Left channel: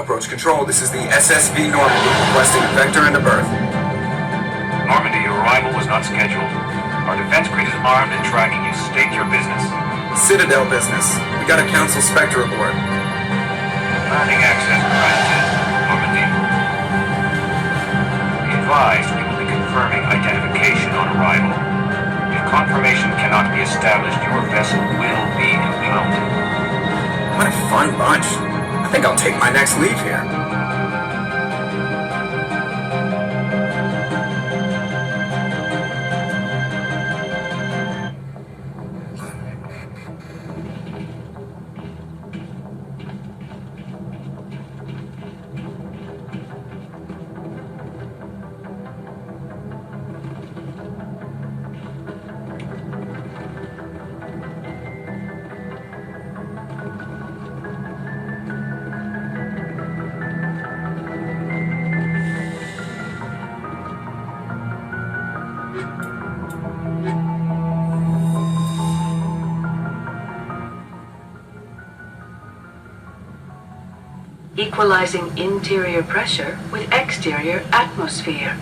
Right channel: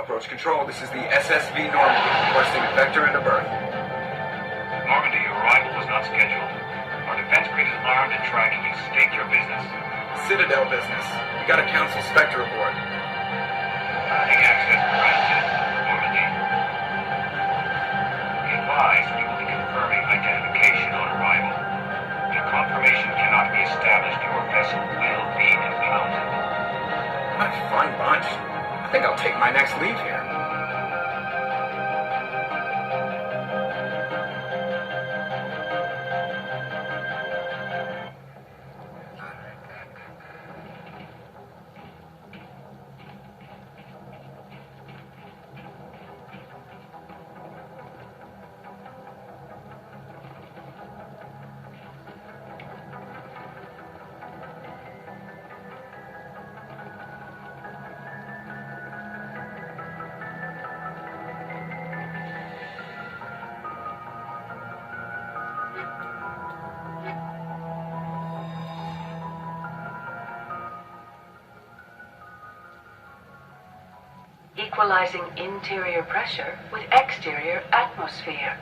Approach control, this is the SSV Normandy, requesting a vector and a berth. Normandy, your arrival was not scheduled. Our defense grid is armed and tracking you. State your business. Citadel business. We got a Council Spectre aboard. Landing access granted, Normandy. Be advised, we will be confirming identification on arrival. If confirmation cannot be established, your vessel will be impounded. What a fun bunch. I think I'll take my next leave here. Equalizing interior pressure with exterior atmosphere.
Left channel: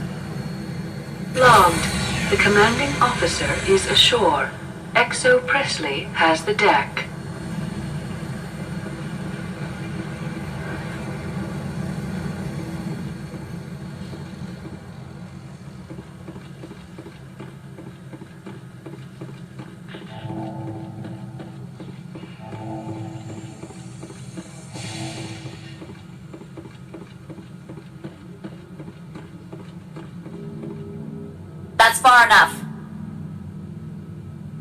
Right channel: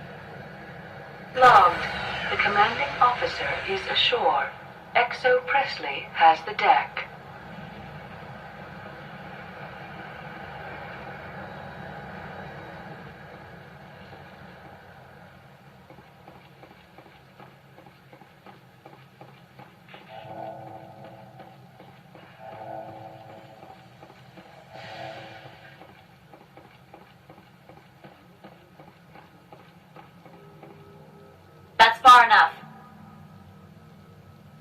Logged. The commanding officer is ashore. Exo Presley has the deck. That's far enough.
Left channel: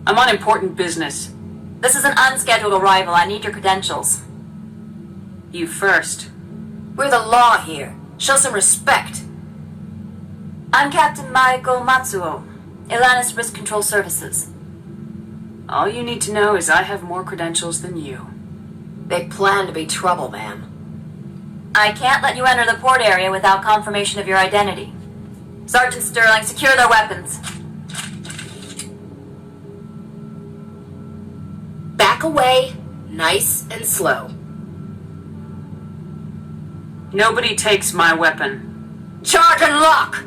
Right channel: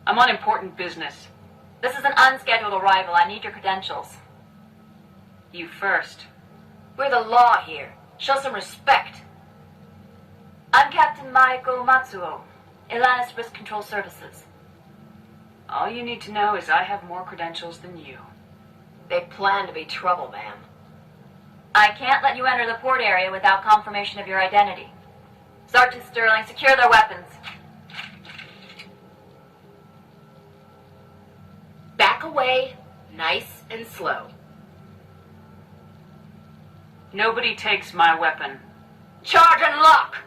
I'm on important business. This is an unscheduled arrival. I need your credentials. You first. We're the law here. Show some respect. I'm Captain Maiko Matsuo, Ilanis Risk Control Services. All you need to know is I have more credentials than you. They plan to be trouble, ma'am. I can't let you enter the port area without confirmation of your identity. Sergeant Sterling, secure their weapons. Back away, nice and slow. Nobody takes my weapon. Charge and lock!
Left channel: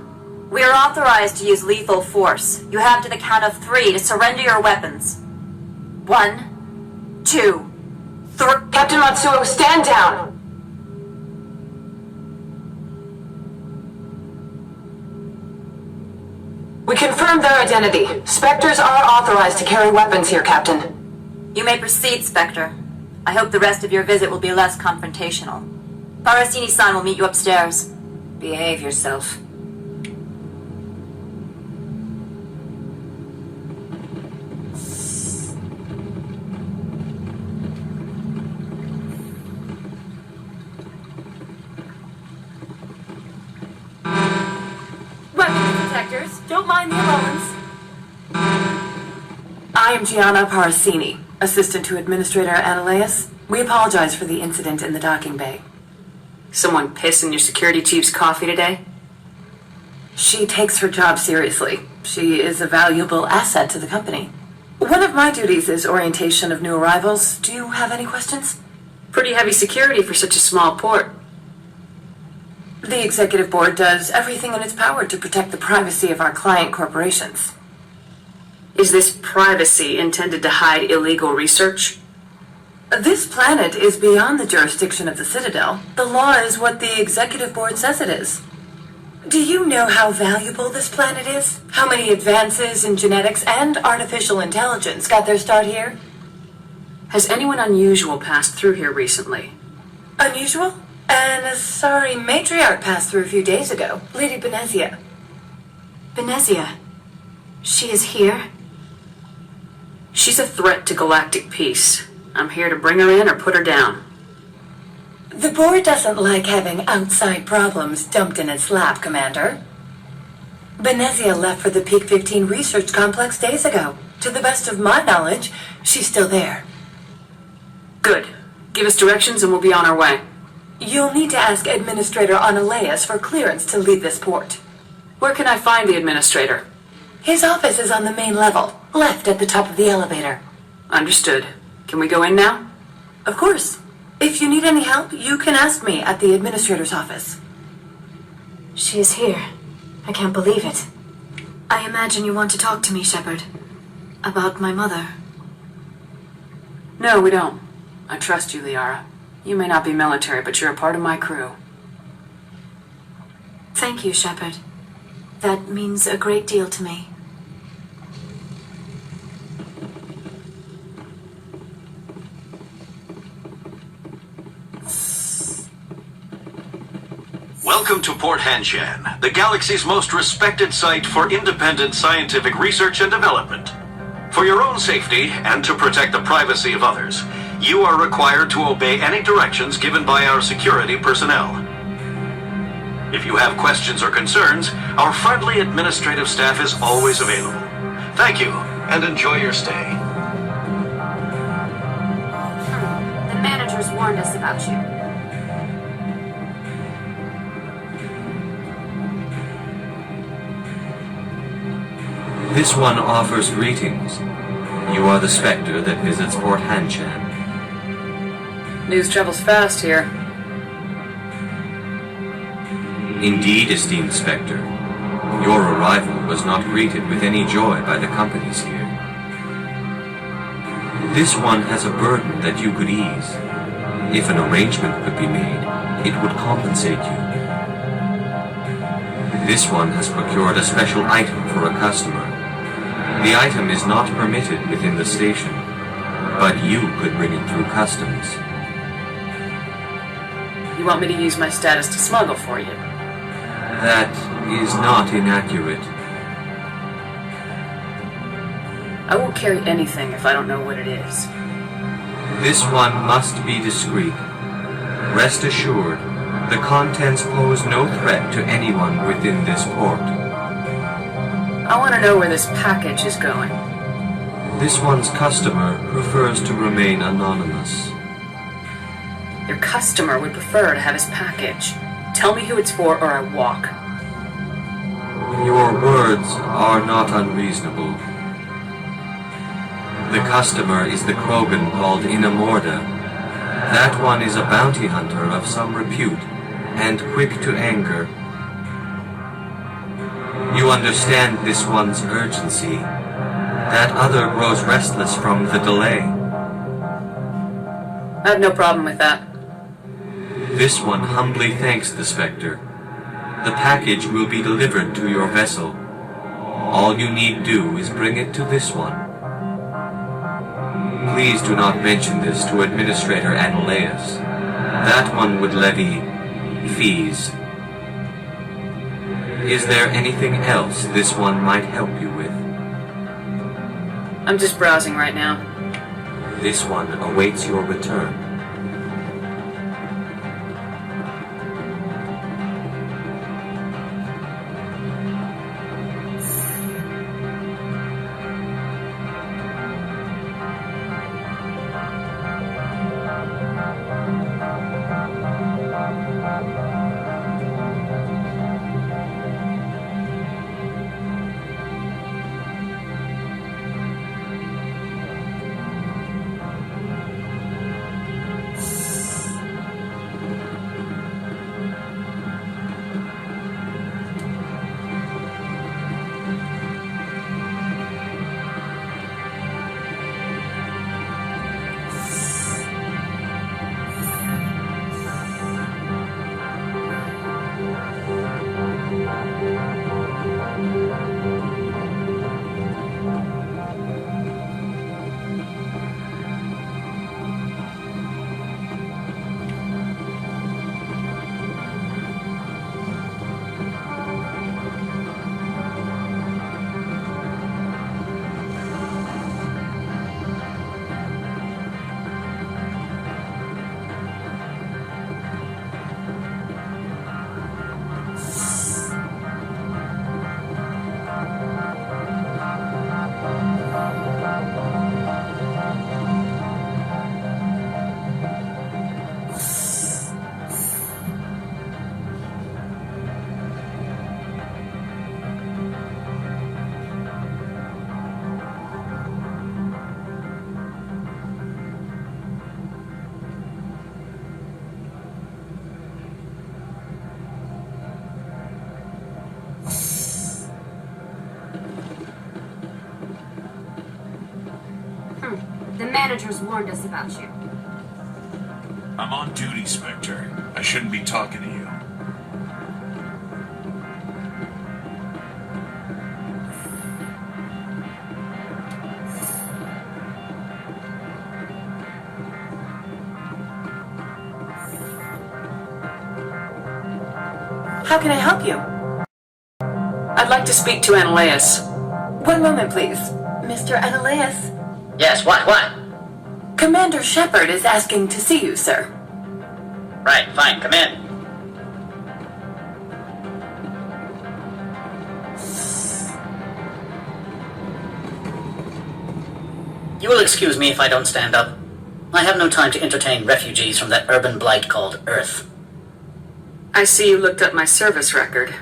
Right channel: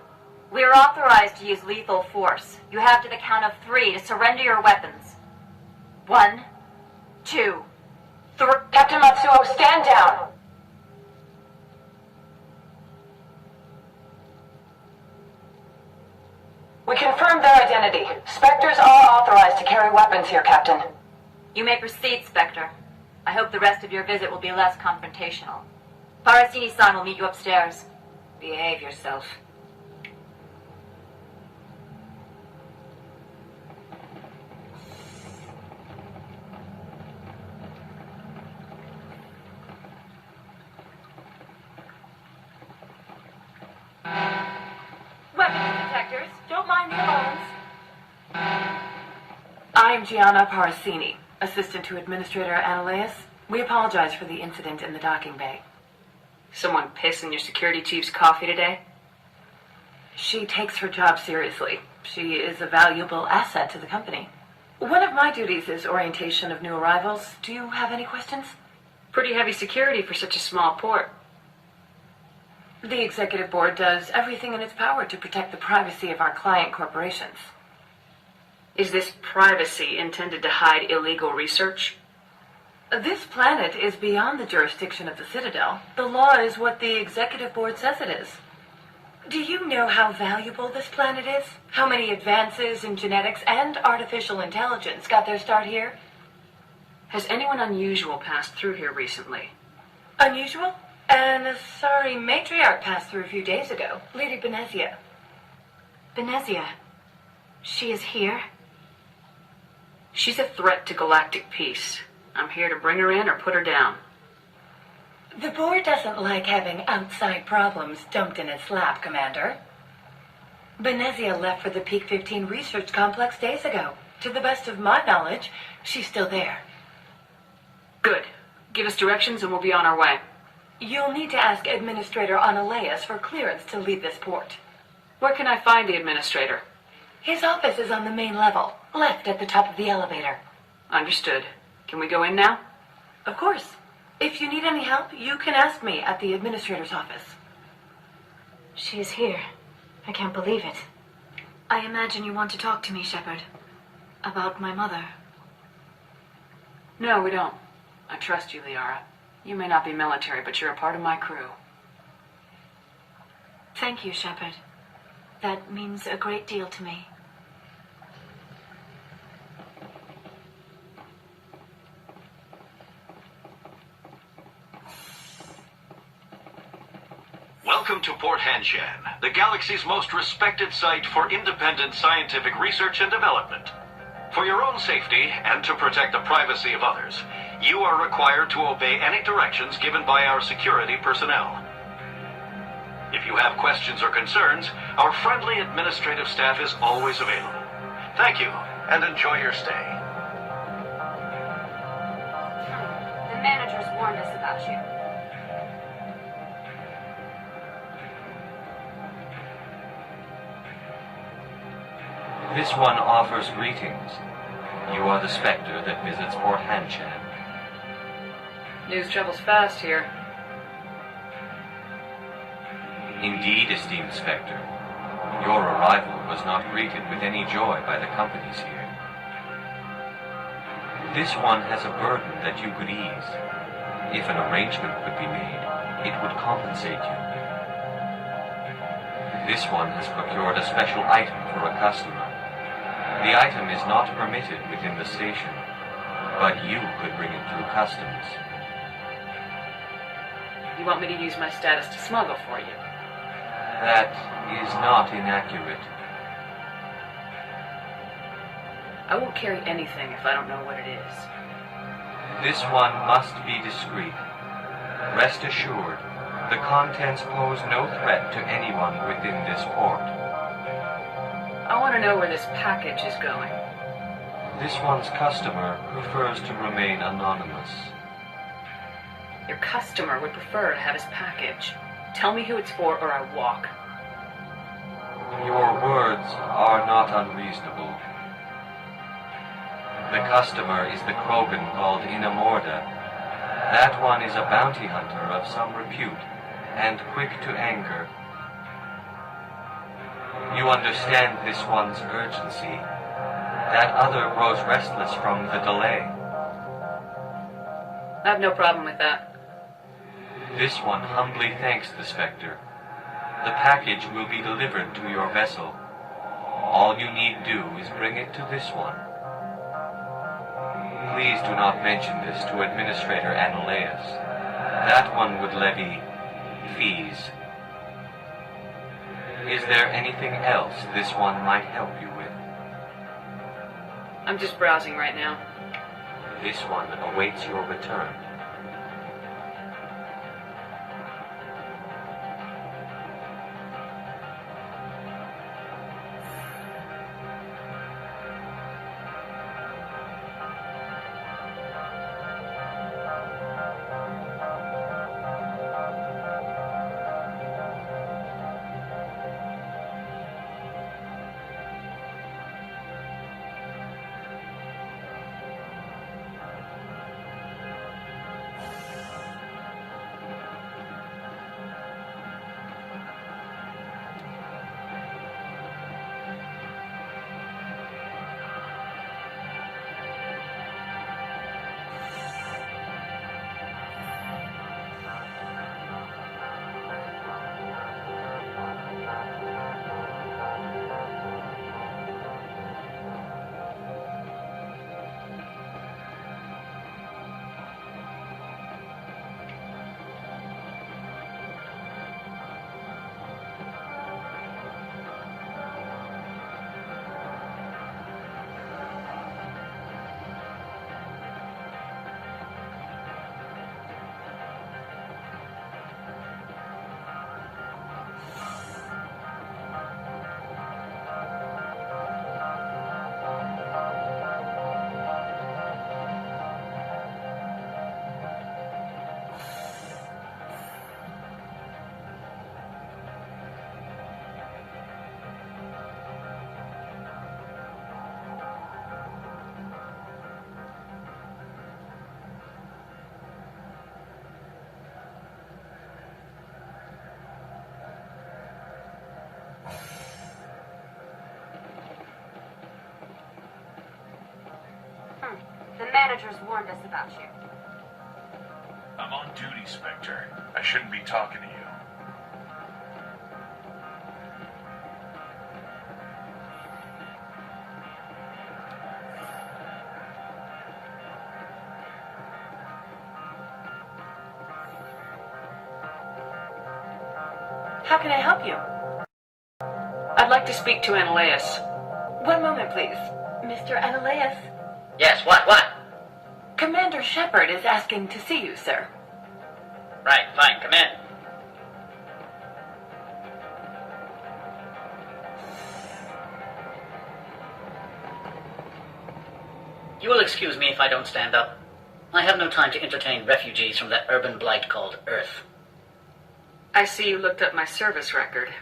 We are authorized to use lethal force. You have to the count of 3 to surrender your weapons. 1, 2, 3... Captain Matsuo, stand down! We confirmed their identity. Spectres are authorized to carry weapons here, Captain. You may proceed, Spectre. I hope the rest of your visit will be less confrontational. Parasini-san will meet you upstairs. Behave yourself. Weapons detectors, don't mind the alarms. I am Gianna Parasini, assistant to Administrator Ananias. We apologize for the incident in the docking bay. Someone piss in your security chief's coffee today? She takes her job seriously. She is a valuable asset to the company. One of my duties is orientation of new arrivals. Do you have any questions? Pretty heavy security for such a small port. The executive board does everything in its power to protect the privacy of our client corporations. Is this privacy intended to hide illegal research? This planet is beyond the jurisdiction of the Citadel. The law is what the Executive Board says it is. Do you know how valuable this planet is? How many advances in genetics and artificial intelligence got their start here? Has anyone unusual passed through here recently? Unusual? An Asari matriarch passed through a few days ago. Lady Benezia. Benezia. She is here? She's a threat to galactic peace. I'm here to bring her in or put her down. The board doesn't like having outside problems dumped in its lap, Commander. Benezia left for the Peak 15 research complex days ago. To the best of my knowledge, she's still there. Good. Give us directions and we'll be on our way. You'll need to ask Administrator Analeas for clearance to leave this port. Where can I find the administrator? His office is on the main level, left at the top of the elevator. Understood. Can we go in now? Of course. If you need any help, you can ask me at the administrator's office. She is here. I can't believe it. I imagine you want to talk to me, Shepard. About my mother. No, we don't. I trust you, Liara. You may not be military, but you're a part of my crew. Thank you, Shepard. That means a great deal to me. Welcome to Port Hanshan, the galaxy's most respected site for independent scientific research and development. For your own safety and to protect the privacy of others, you are required to obey any directions given by our security personnel. If you have questions or concerns, our friendly administrative staff is always available. Thank you, and enjoy your stay. The managers warned us about you. This one offers greetings. You are the Spectre that visits Port Hanshan. News travels fast here. Indeed, esteemed Spectre. Your arrival was not greeted with any joy by the companies here. This one has a burden that you could ease. If an arrangement could be made, it would compensate you. This one has procured a special item for a customer. The item is not permitted within the station, but you could bring it through customs. You want me to use my status to smuggle for you? That is not inaccurate. I won't carry anything if I don't know what it is. This one must be discreet. Rest assured, the contents pose no threat to anyone within this port. I want to know where this package is going. This one's customer prefers to remain anonymous. Your customer would prefer to have his package. Tell me who it's for or I walk. Your words are not unreasonable. The customer is the Krogan called Inamorda. That one is a bounty hunter of some repute, and quick to anger. You understand this one's urgency. That other grows restless from the delay. I have no problem with that. This one humbly thanks the Spectre. The package will be delivered to your vessel. All you need do is bring it to this one. Please do not mention this to Administrator Analeas. That one would levy fees. Is there anything else this one might help you with? I'm just browsing right now. This one awaits your return. managers warned us about you. I'm on duty, Spectre. I shouldn't be talking to you. How can I help you? I'd like to speak to Ananias. One moment, please. Mr. Ananias? Yes, what? Commander Shepard is asking to see you, sir. Right, fine, come in. You will excuse me if I don't stand up. I have no time to entertain refugees from that urban blight called Earth. I see you looked up my service record.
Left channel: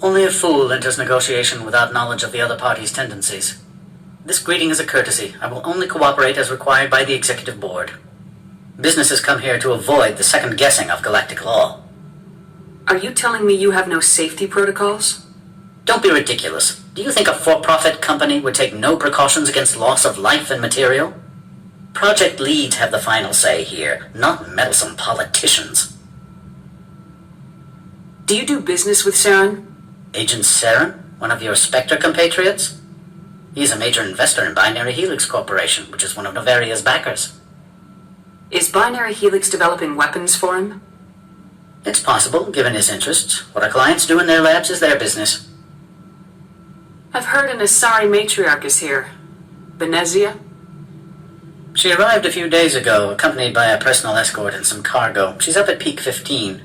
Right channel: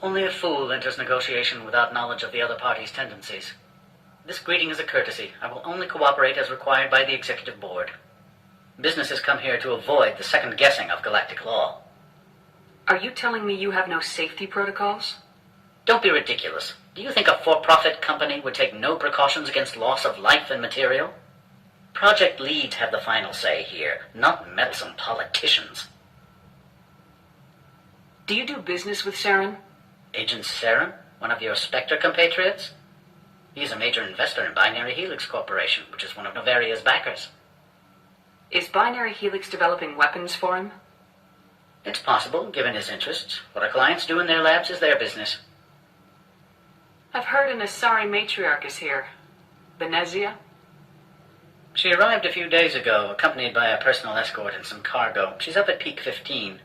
Only a fool enters negotiation without knowledge of the other party's tendencies. This greeting is a courtesy. I will only cooperate as required by the Executive Board. Business has come here to avoid the second guessing of galactic law. Are you telling me you have no safety protocols? Don't be ridiculous. Do you think a for-profit company would take no precautions against loss of life and material? Project leads have the final say here, not meddlesome politicians. Do you do business with Saren? Agent Saren, one of your Spectre compatriots? He's a major investor in Binary Helix Corporation, which is one of Noveria's backers. Is Binary Helix developing weapons for him? It's possible, given his interests. What our clients do in their labs is their business. I've heard an Asari matriarch is here. Benezia? She arrived a few days ago, accompanied by a personal escort and some cargo. She's up at Peak 15.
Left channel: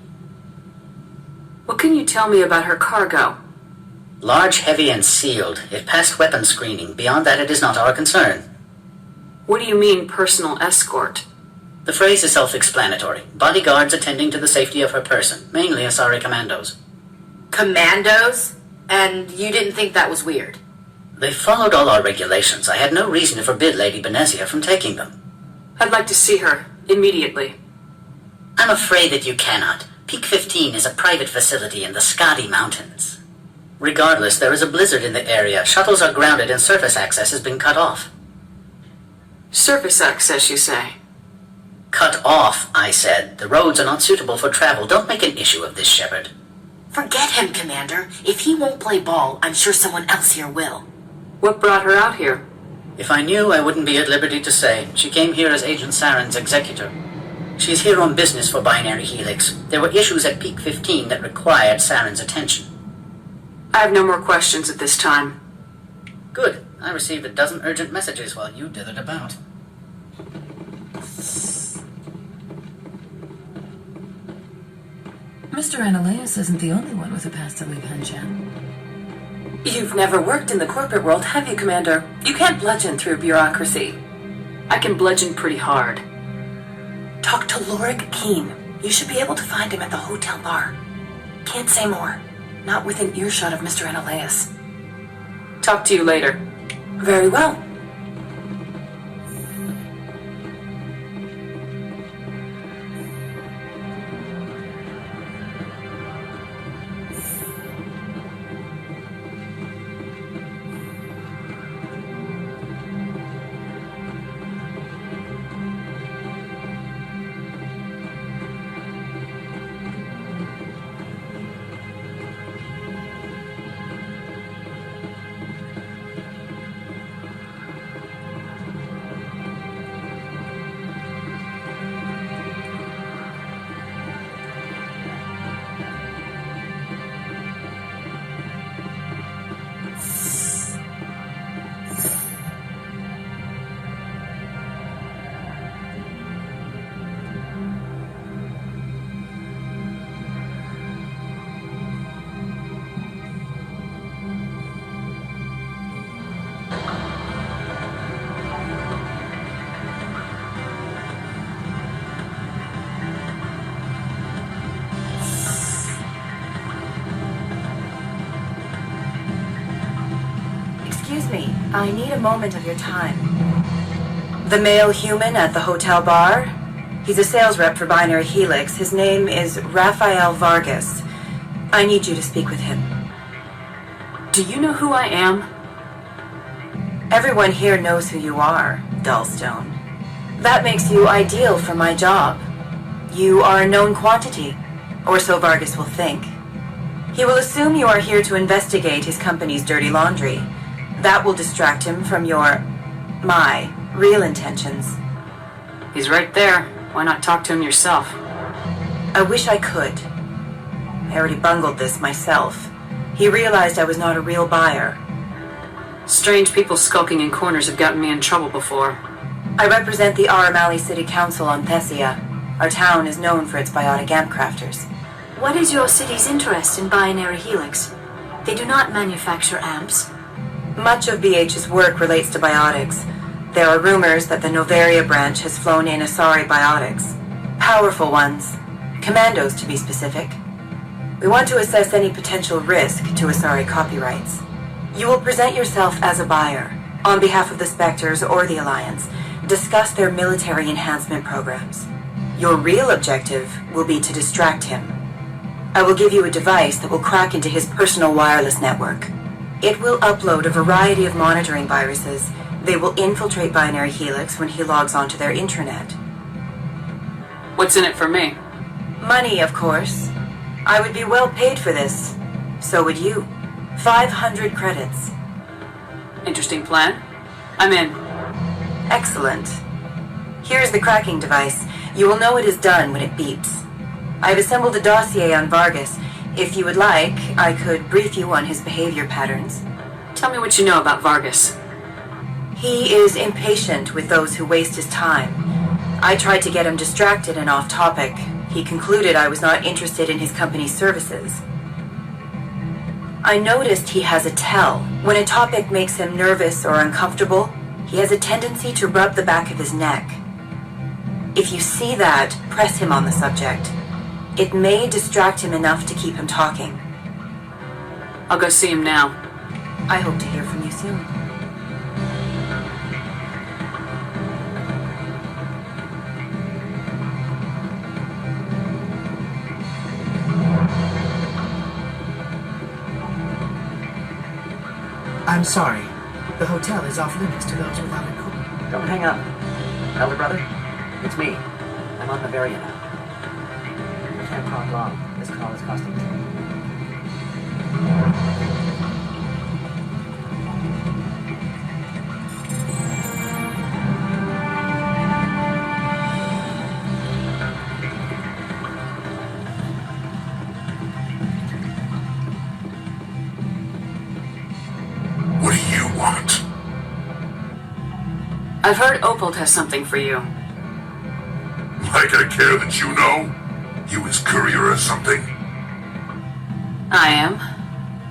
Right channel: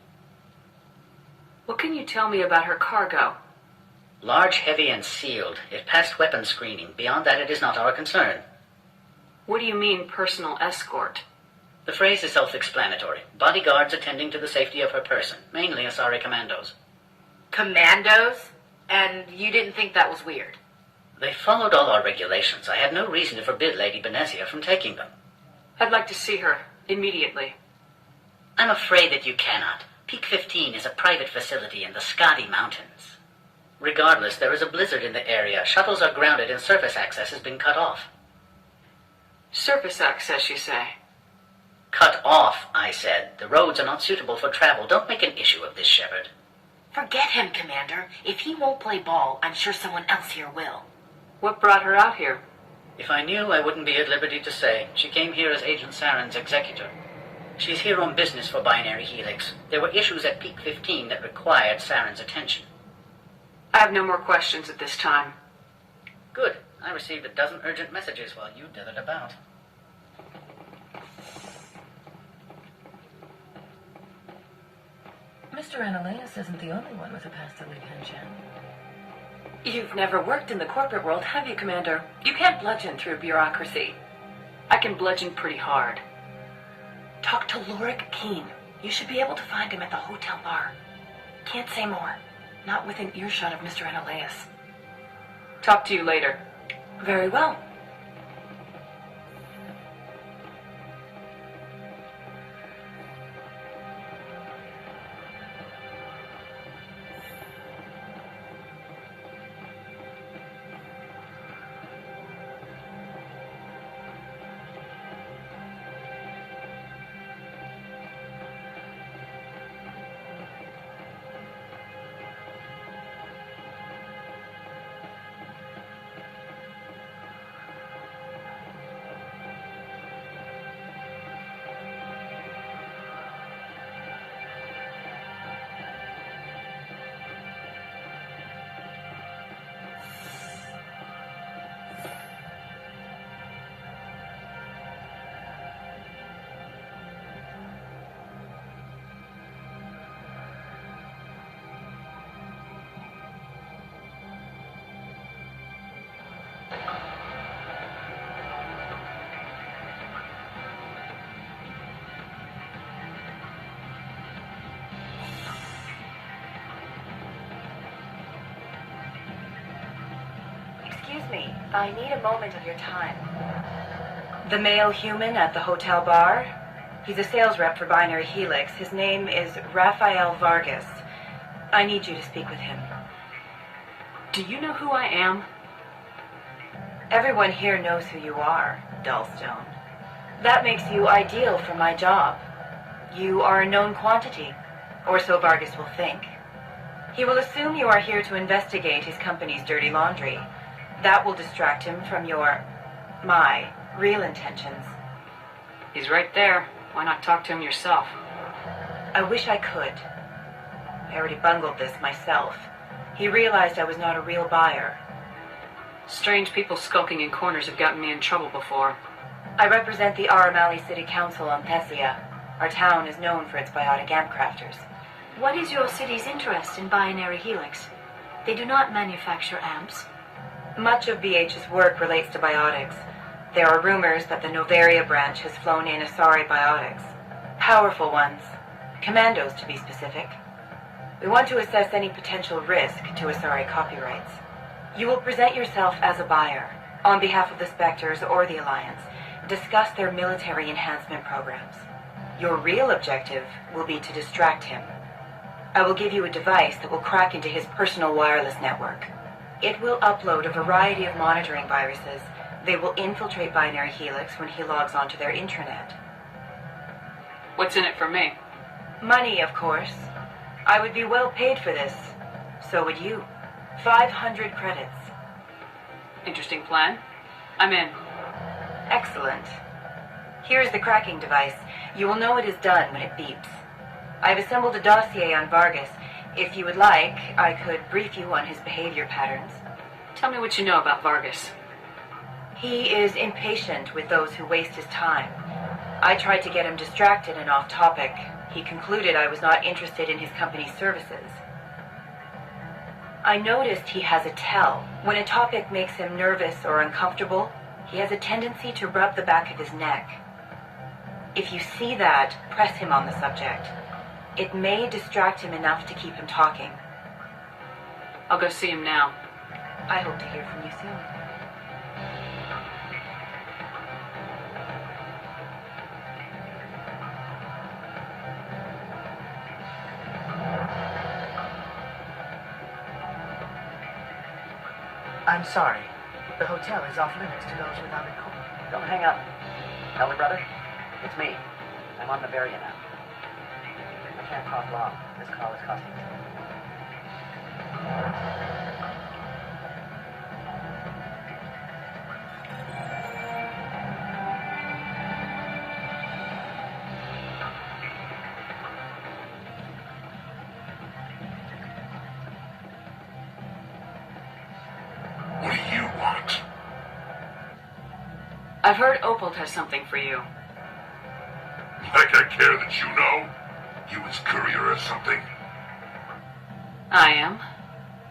What can you tell me about her cargo? Large, heavy, and sealed. It passed weapon screening. Beyond that, it is not our concern. What do you mean, personal escort? The phrase is self-explanatory. Bodyguards attending to the safety of her person, mainly Asari commandos. Commandos? And you didn't think that was weird? They followed all our regulations. I had no reason to forbid Lady Benezia from taking them. I'd like to see her, immediately. I'm afraid that you cannot. Peak 15 is a private facility in the Scotty Mountains. Regardless, there is a blizzard in the area. Shuttles are grounded and surface access has been cut off. Surface access, you say? Cut off, I said. The roads are not suitable for travel. Don't make an issue of this, Shepard. Forget him, Commander. If he won't play ball, I'm sure someone else here will. What brought her out here? If I knew, I wouldn't be at liberty to say. She came here as Agent Saren's executor. She's here on business for Binary Helix. There were issues at Peak 15 that required Saren's attention. I have no more questions at this time. Good. I received a dozen urgent messages while you dithered about. Mr. Ananias isn't the only one with a past to leave Hanshan. You've never worked in the corporate world, have you, Commander? You can't bludgeon through bureaucracy. I can bludgeon pretty hard. Talk to Lorik Keen. You should be able to find him at the hotel bar. Can't say more. Not within earshot of Mr. Ananias. Talk to you later. Very well. Excuse me, I need a moment of your time. The male human at the hotel bar? He's a sales rep for Binary Helix. His name is Rafael Vargas. I need you to speak with him. Do you know who I am? Everyone here knows who you are, Dullstone. That makes you ideal for my job. You are a known quantity, or so Vargas will think. He will assume you are here to investigate his company's dirty laundry. That will distract him from my real intentions. He's right there. Why not talk to him yourself? I wish I could. I already bungled this myself. He realized I was not a real buyer. Strange people skulking in corners have gotten me in trouble before. I represent the Aramali City Council on Benezia. Our town is known for its biotic amp crafters. What is your city's interest in binary helix? They do not manufacture amps. Much of BH's work relates to biotics. There are rumors that the Noveria branch has flown in Asari biotics. Powerful ones. Commandos, to be specific. We want to assess any potential risk to Asari copyrights. You will present yourself as a buyer, on behalf of the Spectres or the Alliance. Discuss their military enhancement programs. Your real objective will be to distract him. I will give you a device that will crack into his personal wireless network. It will upload a variety of monitoring viruses. They will infiltrate Binary Helix when he logs onto their intranet. What's in it for me? Money, of course. I would be well paid for this. So would you. 500 credits. Interesting plan. I'm in. Excellent. Here's the cracking device. You will know it is done when it beeps. I've assembled a dossier on Vargas. If you would like, I could brief you on his behavior patterns. Tell me what you know about Vargas. He is impatient with those who waste his time. I tried to get him distracted and off topic. He concluded I was not interested in his company's services. I noticed he has a tell. When a topic makes him nervous or uncomfortable, he has a tendency to rub the back of his neck. If you see that, press him on the subject. It may distract him enough to keep him talking. I'll go see him now. I hope to hear from you soon. I'm sorry. The hotel is off limits to those without a code. Don't hang up. Elder brother, it's me. I'm on Noveria now. I can't talk long. This call is costing me. What do you want? I've heard Opal has something for you. Like I care that you know? You his courier or something? I am.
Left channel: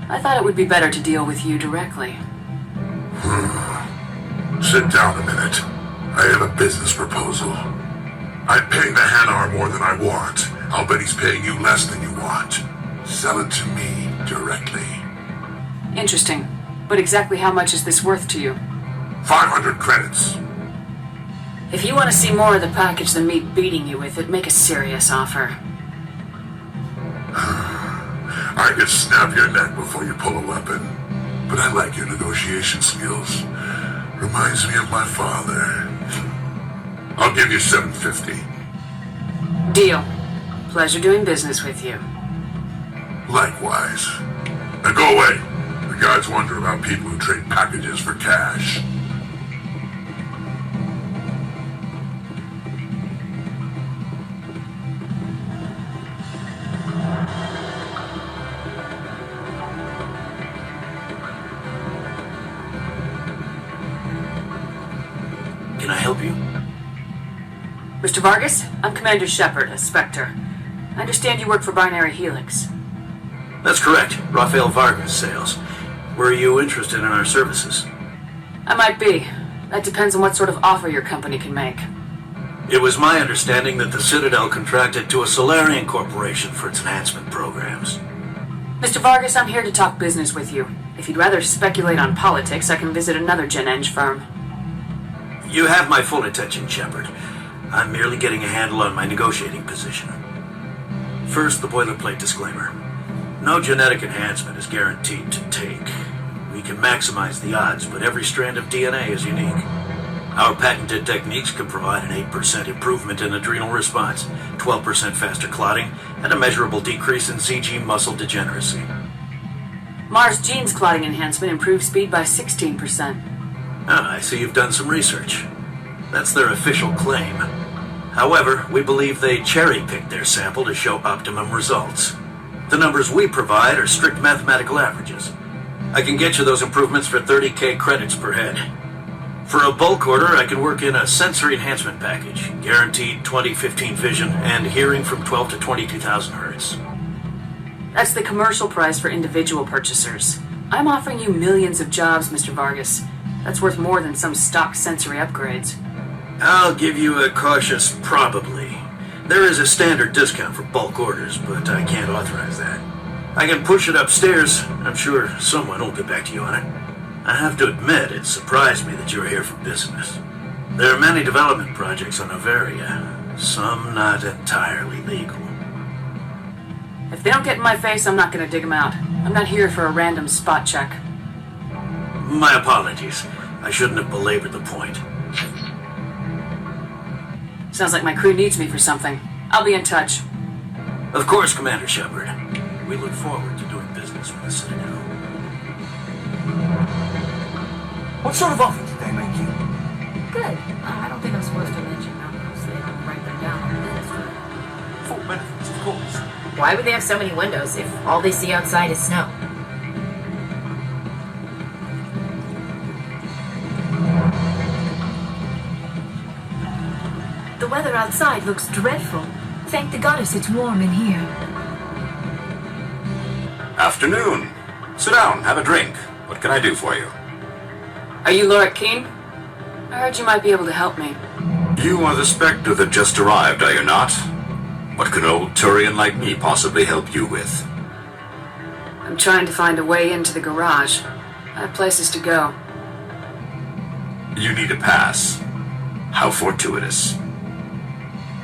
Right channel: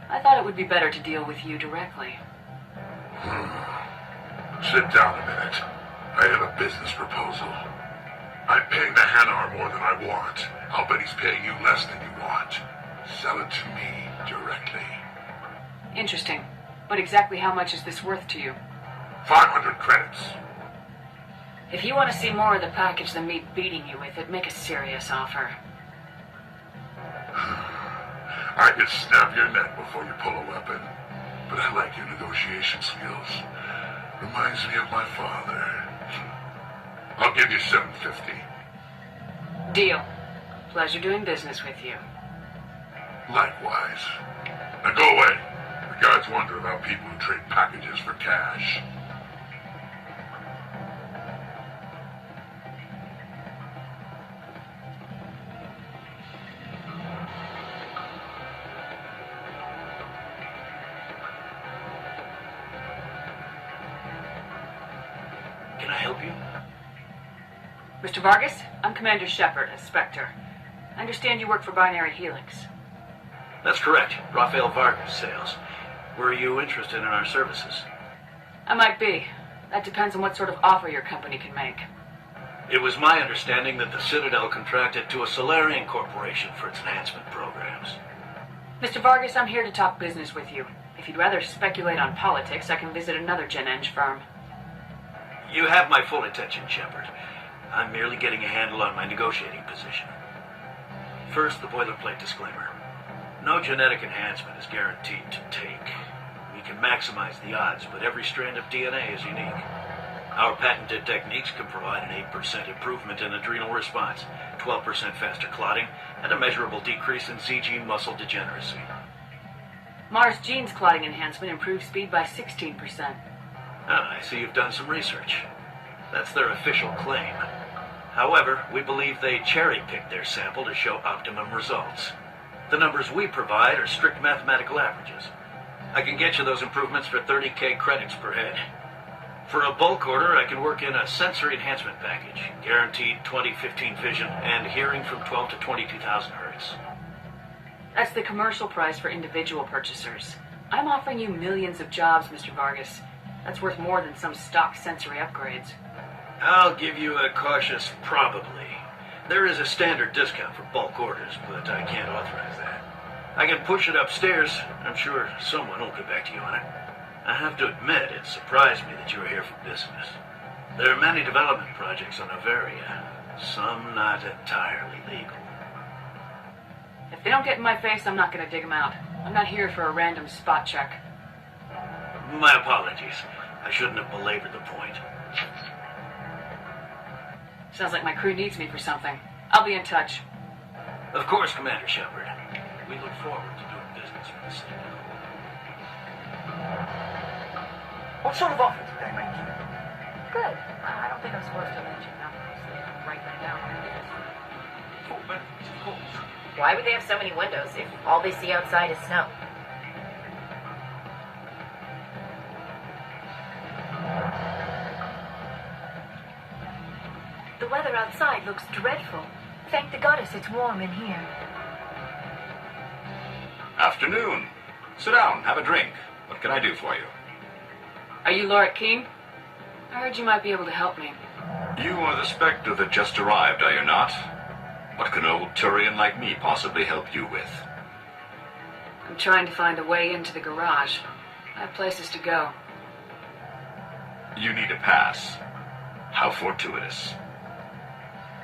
I thought it would be better to deal with you directly. Sit down a minute. I have a business proposal. I'm paying the Hanar more than I want. I'll bet he's paying you less than you want. Sell it to me directly. Interesting. But exactly how much is this worth to you? 500 credits. If you want to see more of the package than me beating you with it, make a serious offer. I could snap your neck before you pull a weapon. But I like your negotiation skills. Reminds me of my father. I'll give you 750. Deal. Pleasure doing business with you. Likewise. Now go away. The guards wonder about people who trade packages for cash. Can I help you? Mr. Vargas, I'm Commander Shepard, a Spectre. I understand you work for Binary Helix. That's correct. Rafael Vargas sales. Were you interested in our services? I might be. That depends on what sort of offer your company can make. It was my understanding that the Citadel contracted to a Solarian corporation for its enhancement programs. Mr. Vargas, I'm here to talk business with you. If you'd rather speculate on politics, I can visit another Gen-Eng firm. You have my full attention, Shepard. I'm merely getting a handle on my negotiating position. First, the boilerplate disclaimer. No genetic enhancement is guaranteed to take. We can maximize the odds, but every strand of DNA is unique. Our patented techniques can provide an 8% improvement in adrenal response, 12% faster clotting, and a measurable decrease in CG muscle degeneracy. Mars genes clotting enhancement improves speed by 16%. Ah, I see you've done some research. That's their official claim. However, we believe they cherry-picked their sample to show optimum results. The numbers we provide are strict mathematical averages. I can get you those improvements for 30k credits per head. For a bulk order, I can work in a sensory enhancement package, guaranteed 20/15 vision and hearing from 12 to 22,000 hertz. That's the commercial price for individual purchasers. I'm offering you millions of jobs, Mr. Vargas. That's worth more than some stock sensory upgrades. I'll give you a cautious probably. There is a standard discount for bulk orders, but I can't authorize that. I can push it upstairs. I'm sure someone will get back to you on it. I have to admit, it surprised me that you're here for business. There are many development projects on Noveria, some not entirely legal. If they don't get in my face, I'm not going to dig them out. I'm not here for a random spot check. My apologies. I shouldn't have belabored the point. Sounds like my crew needs me for something. I'll be in touch. Of course, Commander Shepard. We look forward to doing business with the Citadel. What sort of offer did they make you? Good. I don't think I'm supposed to mention them, so they don't write them down on the list. Full benefits, of course. Why would they have so many windows if all they see outside is snow? The weather outside looks dreadful. Thank the goddess it's warm in here. Afternoon. Sit down, have a drink. What can I do for you? Are you Lorik Keene? I heard you might be able to help me. You are the Spectre that just arrived, are you not? What can an old Turian like me possibly help you with? I'm trying to find a way into the garage. I have places to go. You need a pass. How fortuitous.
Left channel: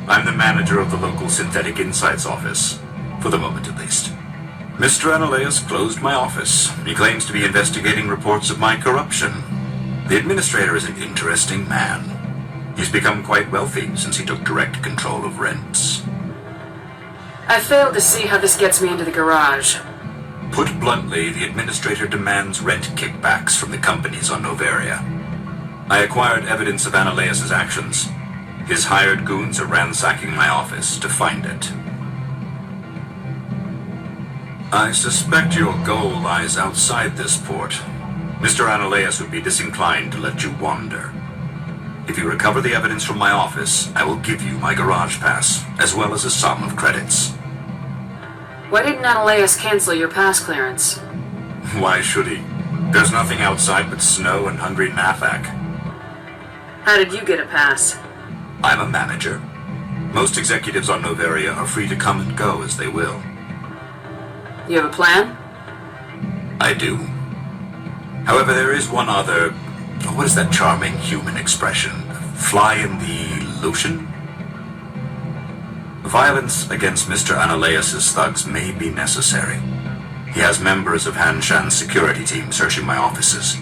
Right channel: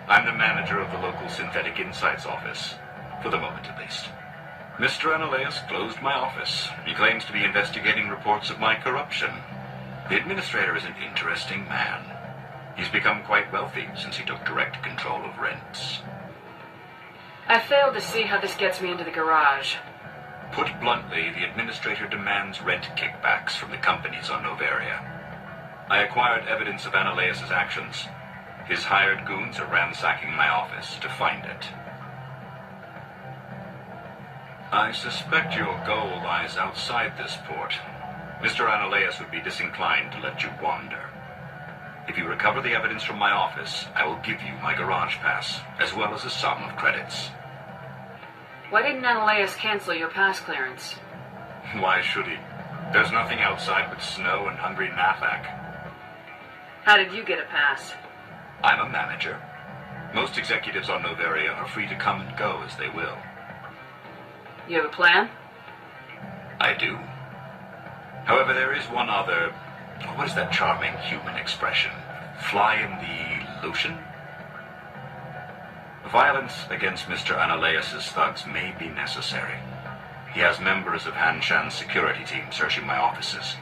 I'm the manager of the local Synthetic Insights office. For the moment, at least. Mr. Analaeus closed my office. He claims to be investigating reports of my corruption. The administrator is an interesting man. He's become quite wealthy since he took direct control of rents. I failed to see how this gets me into the garage. Put bluntly, the administrator demands rent kickbacks from the companies on Noveria. I acquired evidence of Analaeus' actions. His hired goons are ransacking my office to find it. I suspect your goal lies outside this port. Mr. Analaeus would be disinclined to let you wander. If you recover the evidence from my office, I will give you my garage pass, as well as a sum of credits. Why didn't Analaeus cancel your pass clearance? Why should he? There's nothing outside but snow and hungry Nathak. How did you get a pass? I'm a manager. Most executives on Noveria are free to come and go as they will. You have a plan? I do. However, there is one other... What is that charming human expression? Fly in the lotion? Violence against Mr. Analaeus' thugs may be necessary. He has members of Hanshan's security team searching my offices.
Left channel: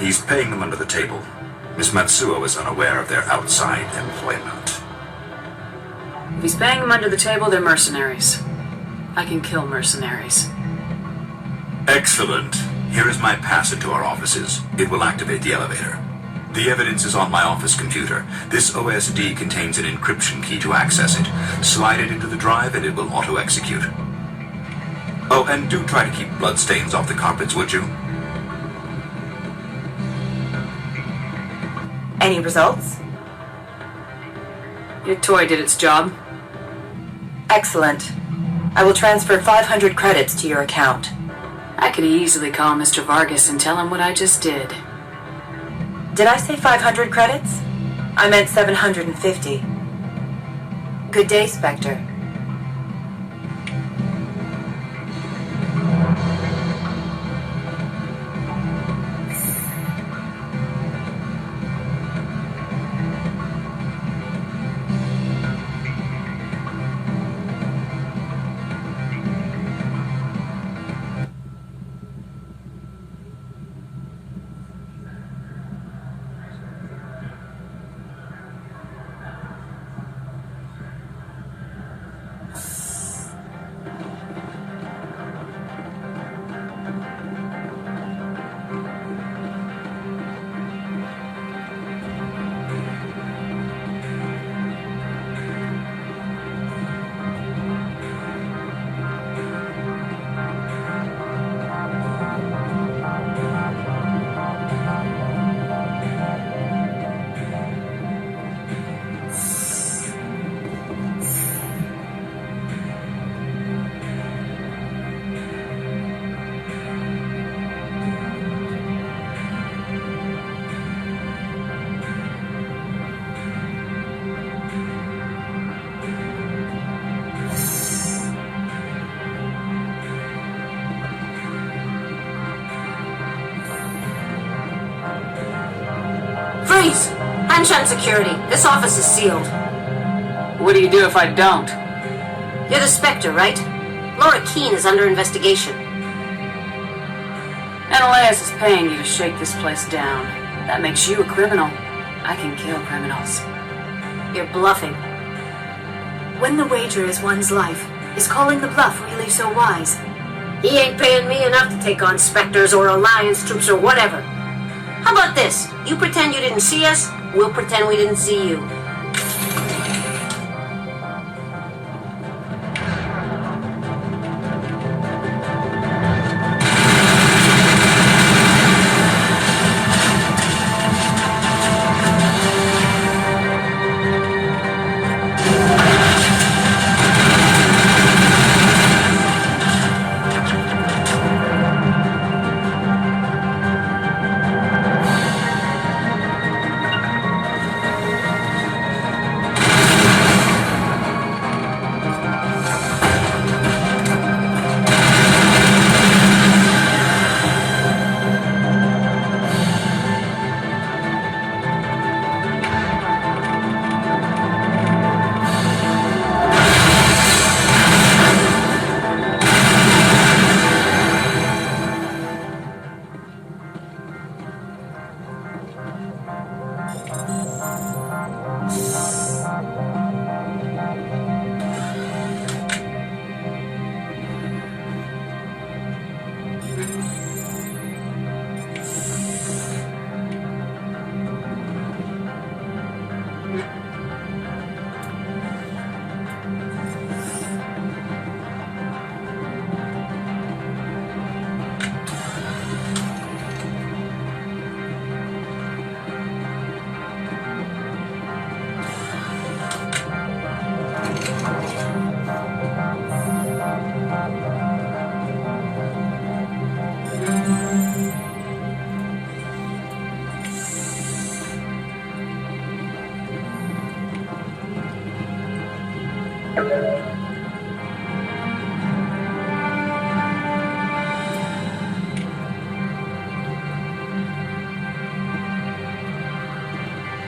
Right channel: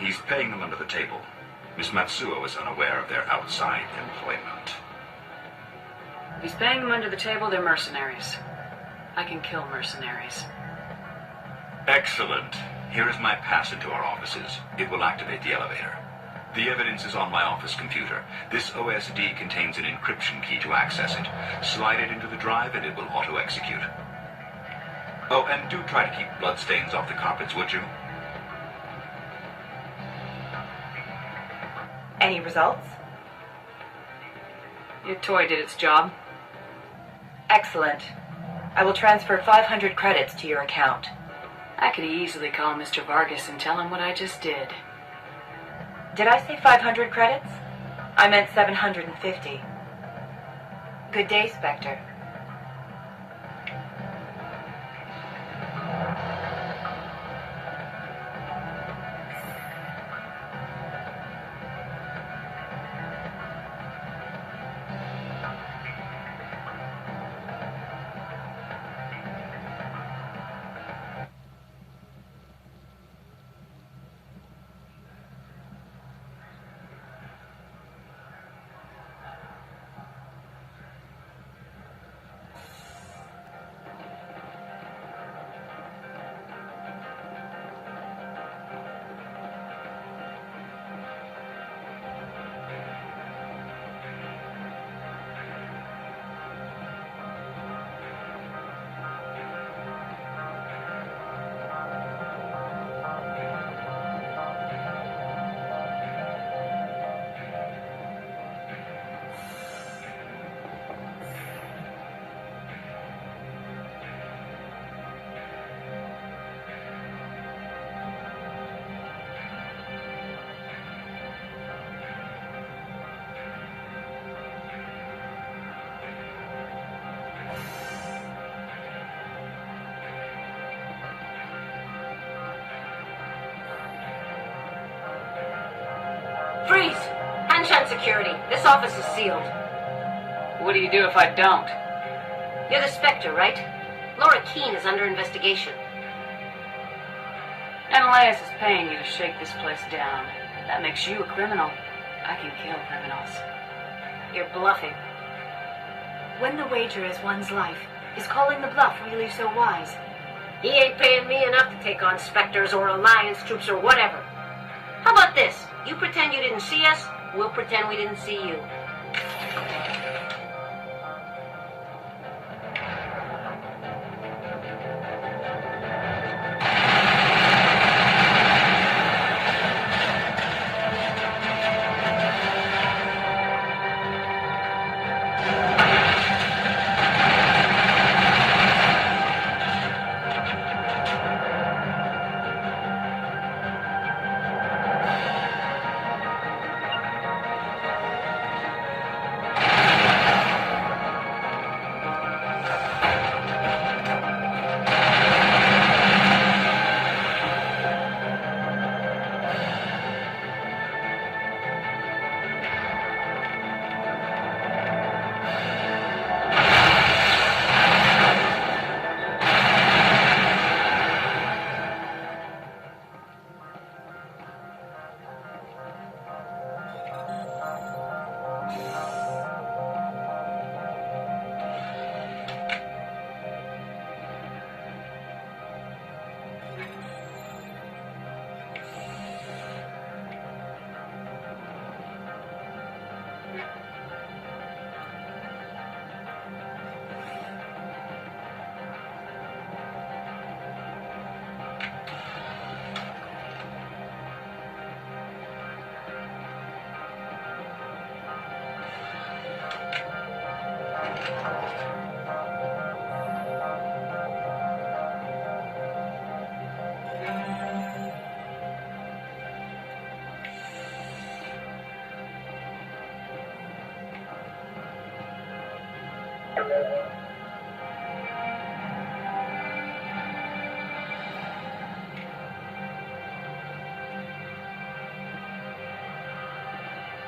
He's paying them under the table. Miss Matsuo is unaware of their outside employment. If he's paying them under the table, they're mercenaries. I can kill mercenaries. Excellent. Here is my pass into our offices. It will activate the elevator. The evidence is on my office computer. This OSD contains an encryption key to access it. Slide it into the drive and it will auto-execute. Oh, and do try to keep bloodstains off the carpets, would you? Any results? Your toy did its job. Excellent. I will transfer 500 credits to your account. I could easily call Mr. Vargas and tell him what I just did. Did I say 500 credits? I meant 750. Good day, Spectre. Hanshan security. This office is sealed. What do you do if I don't? You're the Spectre, right? Laura Keene is under investigation. Ananias is paying you to shake this place down. That makes you a criminal. I can kill criminals. You're bluffing. When the wager is one's life, is calling the bluff really so wise? He ain't paying me enough to take on Spectres or Alliance troops or whatever. How about this? You pretend you didn't see us, we'll pretend we didn't see you.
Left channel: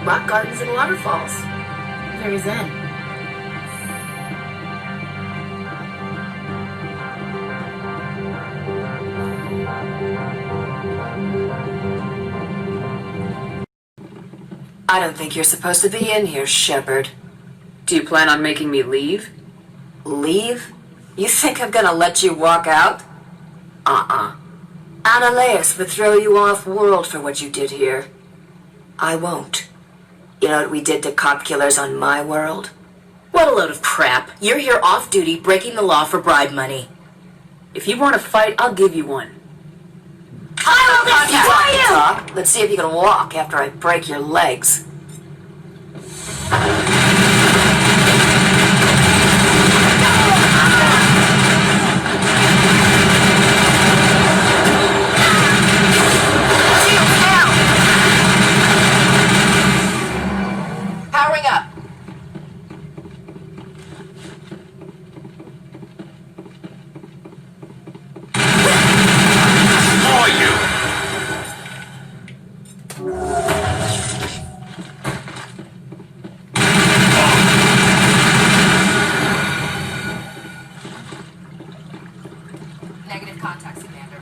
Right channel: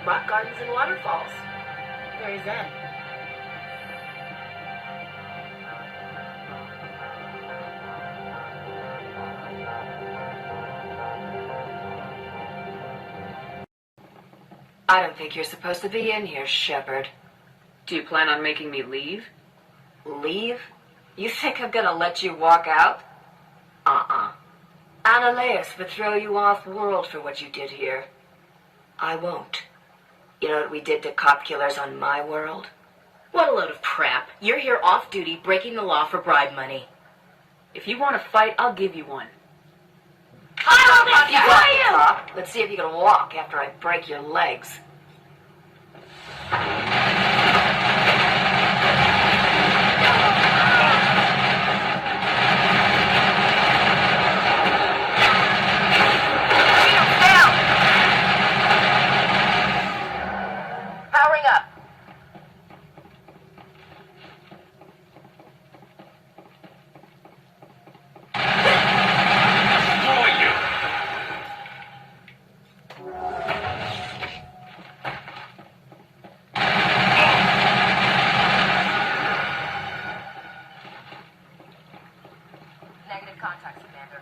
Rock gardens and waterfalls. Very zen. I don't think you're supposed to be in here, Shepard. Do you plan on making me leave? Leave? You think I'm gonna let you walk out? Ananias would throw you off-world for what you did here. I won't. You know what we did to cop killers on my world? What a load of crap. You're here off-duty, breaking the law for bribe money. If you want to fight, I'll give you one. I will destroy you! Talk. Let's see if you can walk after I break your legs. Powering up. Negative contacts, Commander.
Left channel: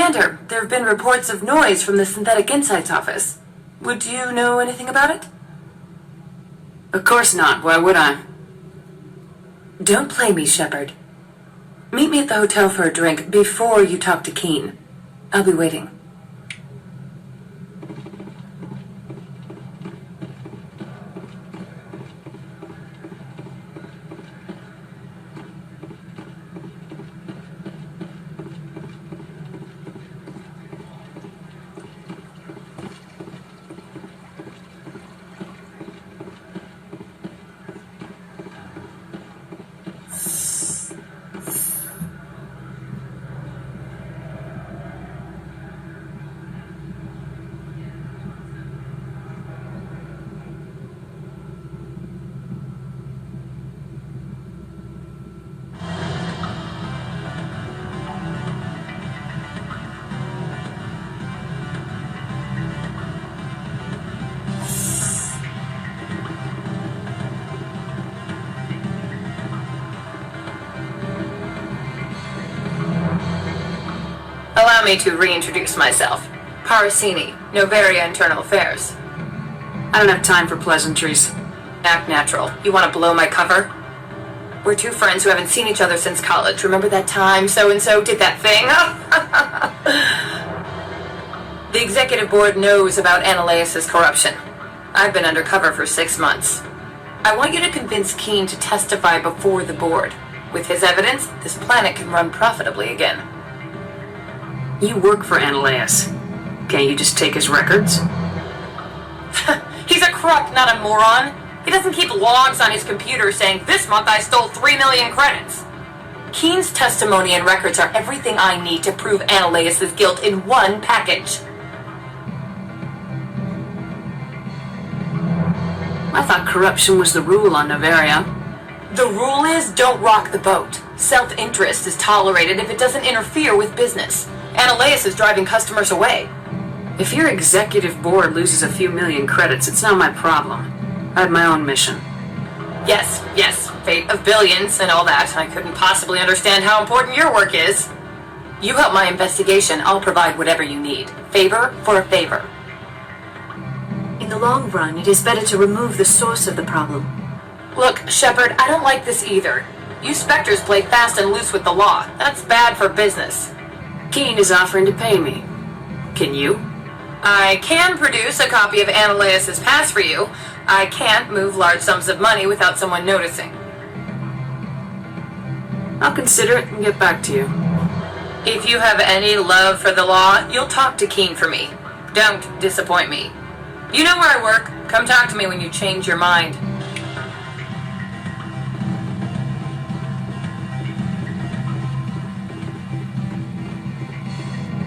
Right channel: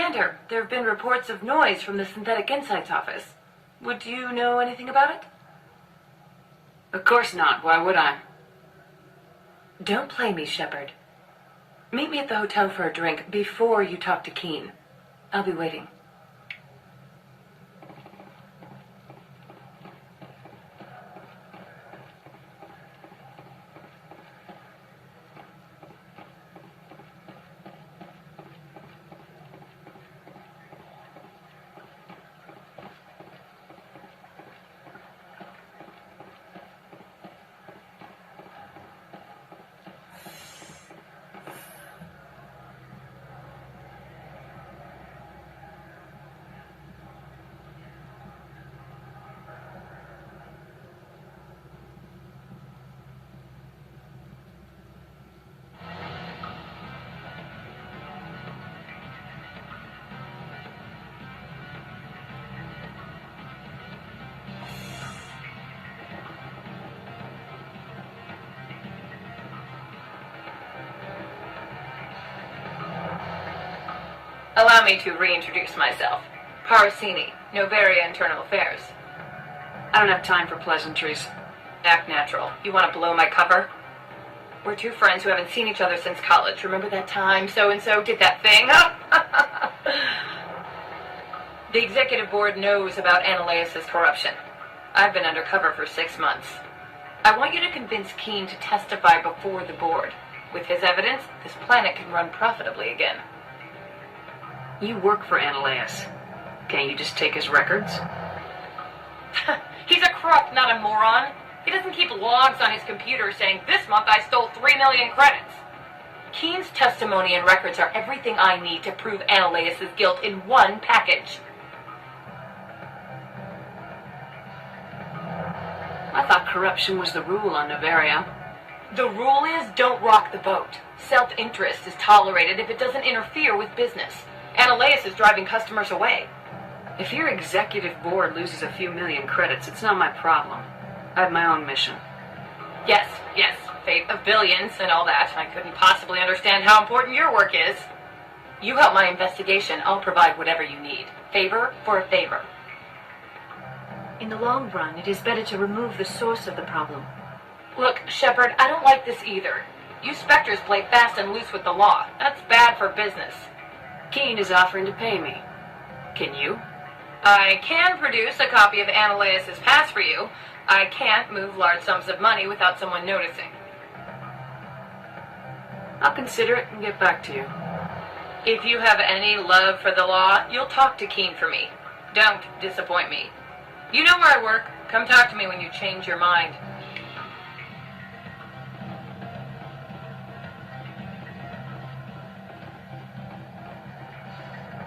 Commander, there have been reports of noise from the Synthetic Insights office. Would you know anything about it? Of course not. Why would I? Don't play me, Shepard. Meet me at the hotel for a drink before you talk to Keen. I'll be waiting. Allow me to reintroduce myself. Parasini, Noveria Internal Affairs. I don't have time for pleasantries. Act natural. You want to blow my cover? We're two friends who haven't seen each other since college. Remember that time so-and-so did that thing? The executive board knows about Ananias' corruption. I've been undercover for 6 months. I want you to convince Keen to testify before the board. With his evidence, this planet can run profitably again. You work for Ananias. Can't you just take his records? He's a crook, not a moron. He doesn't keep logs on his computer saying, "This month I stole 3 million credits." Keen's testimony and records are everything I need to prove Ananias' guilt in one package. I thought corruption was the rule on Noveria. The rule is, don't rock the boat. Self-interest is tolerated if it doesn't interfere with business. Ananias is driving customers away. If your executive board loses a few million credits, it's not my problem. I have my own mission. Yes, fate of billions and all that. I couldn't possibly understand how important your work is. You help my investigation, I'll provide whatever you need. Favor for a favor. In the long run, it is better to remove the source of the problem. Look, Shepard, I don't like this either. You Spectres play fast and loose with the law. That's bad for business. Keen is offering to pay me. Can you? I can produce a copy of Ananias' pass for you. I can't move large sums of money without someone noticing. I'll consider it and get back to you. If you have any love for the law, you'll talk to Keen for me. Don't disappoint me. You know where I work. Come talk to me when you change your mind.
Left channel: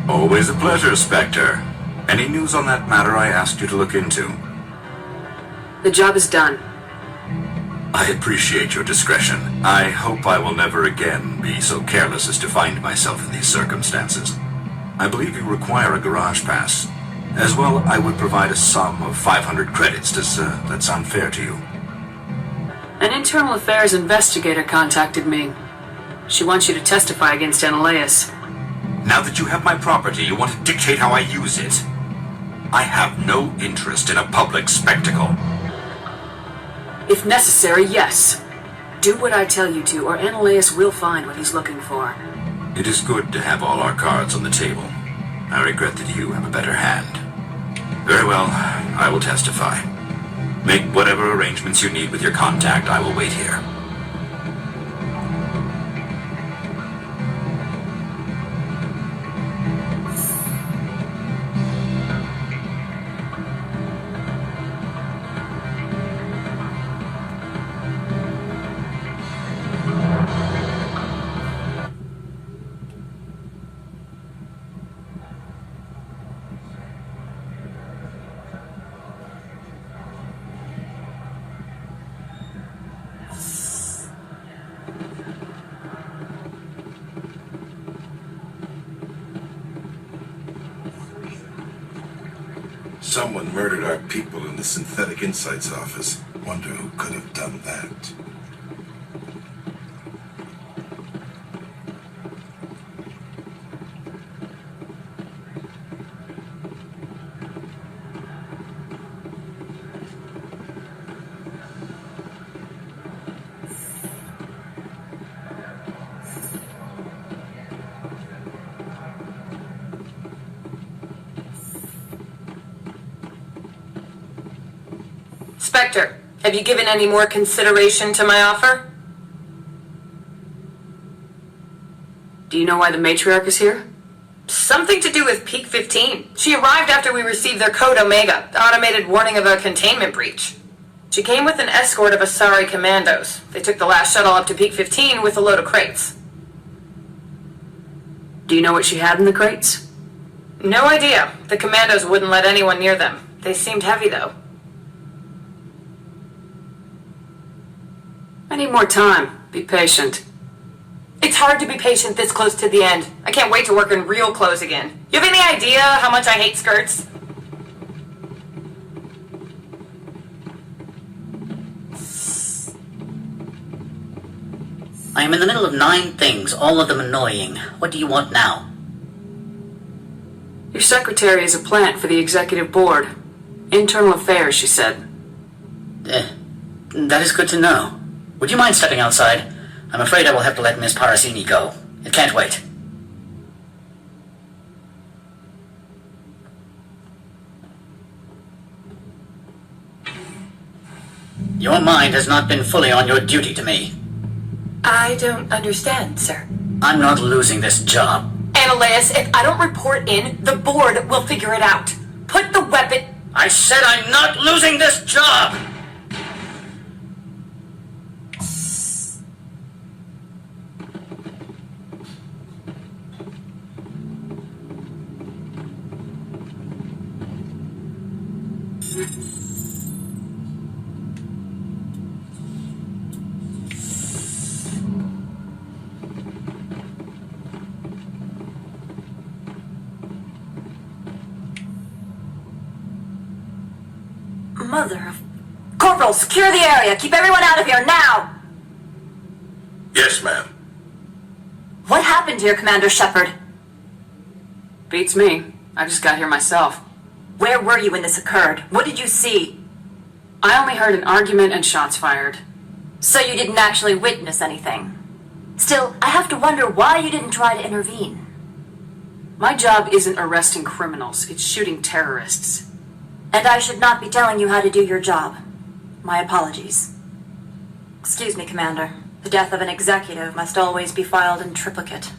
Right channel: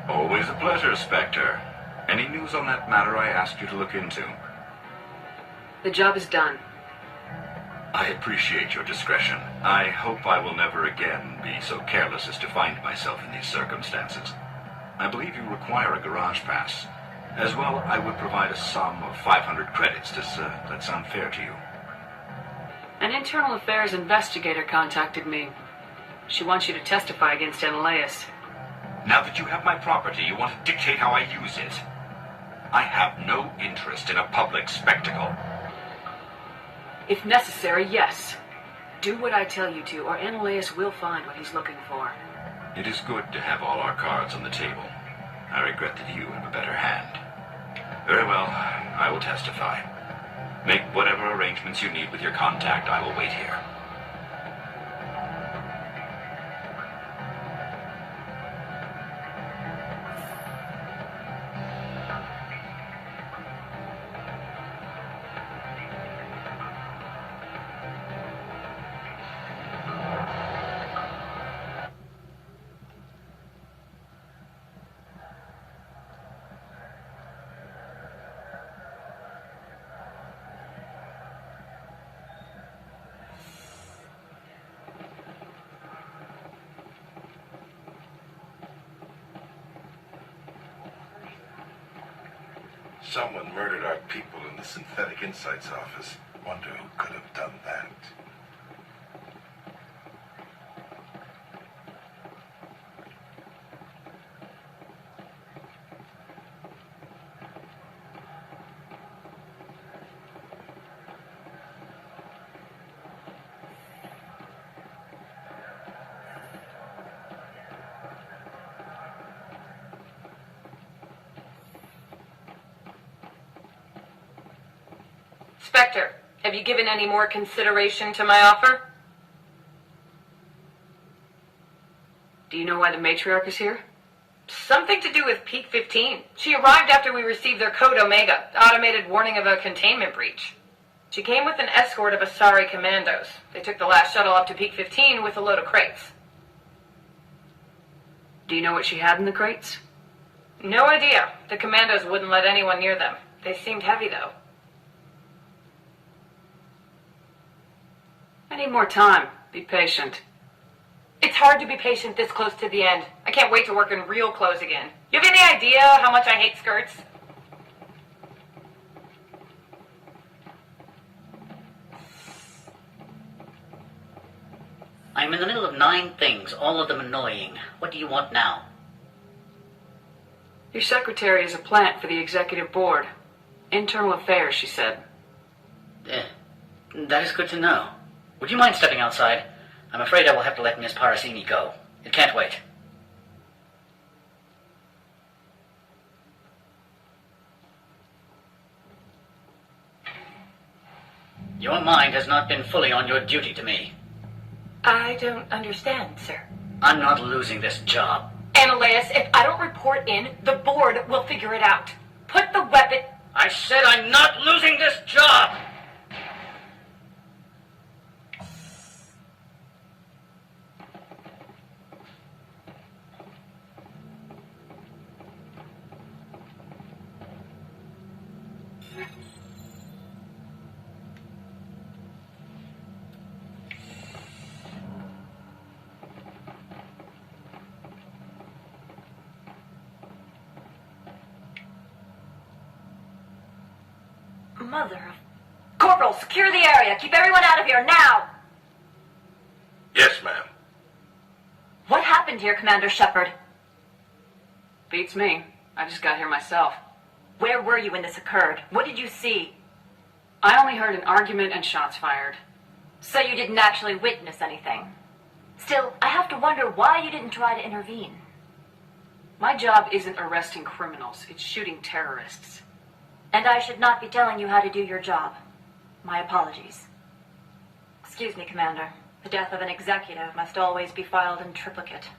Always a pleasure, Spectre. Any news on that matter I asked you to look into? The job is done. I appreciate your discretion. I hope I will never again be so careless as to find myself in these circumstances. I believe you require a garage pass. As well, I would provide a sum of 500 credits. Does that sound fair to you? An internal affairs investigator contacted me. She wants you to testify against Ananias. Now that you have my property, you want to dictate how I use it. I have no interest in a public spectacle. If necessary, yes. Do what I tell you to, or Ananias will find what he's looking for. It is good to have all our cards on the table. I regret that you have a better hand. Very well, I will testify. Make whatever arrangements you need with your contact. I will wait here. Someone murdered our people in the Synthetic Insights office. Wonder who could have done that. Spectre, have you given any more consideration to my offer? Do you know why the matriarch is here? Something to do with Peak 15. She arrived after we received their Code Omega, automated warning of a containment breach. She came with an escort of Asari commandos. They took the last shuttle up to Peak 15 with a load of crates. Do you know what she had in the crates? No idea. The commandos wouldn't let anyone near them. They seemed heavy, though. I need more time. Be patient. It's hard to be patient this close to the end. I can't wait to work in real clothes again. You have any idea how much I hate skirts? I am in the middle of 9 things, all of them annoying. What do you want now? Your secretary is a plant for the executive board. Internal affairs, she said. That is good to know. Would you mind stepping outside? I'm afraid I will have to let Miss Parasini go. It can't wait. Your mind has not been fully on your duty to me. I don't understand, sir. I'm not losing this job. Analyus, if I don't report in, the board will figure it out. Put the weapon... I said I'm not losing this job! Mother of... Corporal, secure the area. Keep everyone out of here now. Yes, ma'am. What happened here, Commander Shepard? Beats me. I just got here myself. Where were you when this occurred? What did you see? I only heard an argument and shots fired. So you didn't actually witness anything? Still, I have to wonder why you didn't try to intervene. My job isn't arresting criminals. It's shooting terrorists. And I should not be telling you how to do your job. My apologies. Excuse me, Commander. The death of an executive must always be filed in triplicate.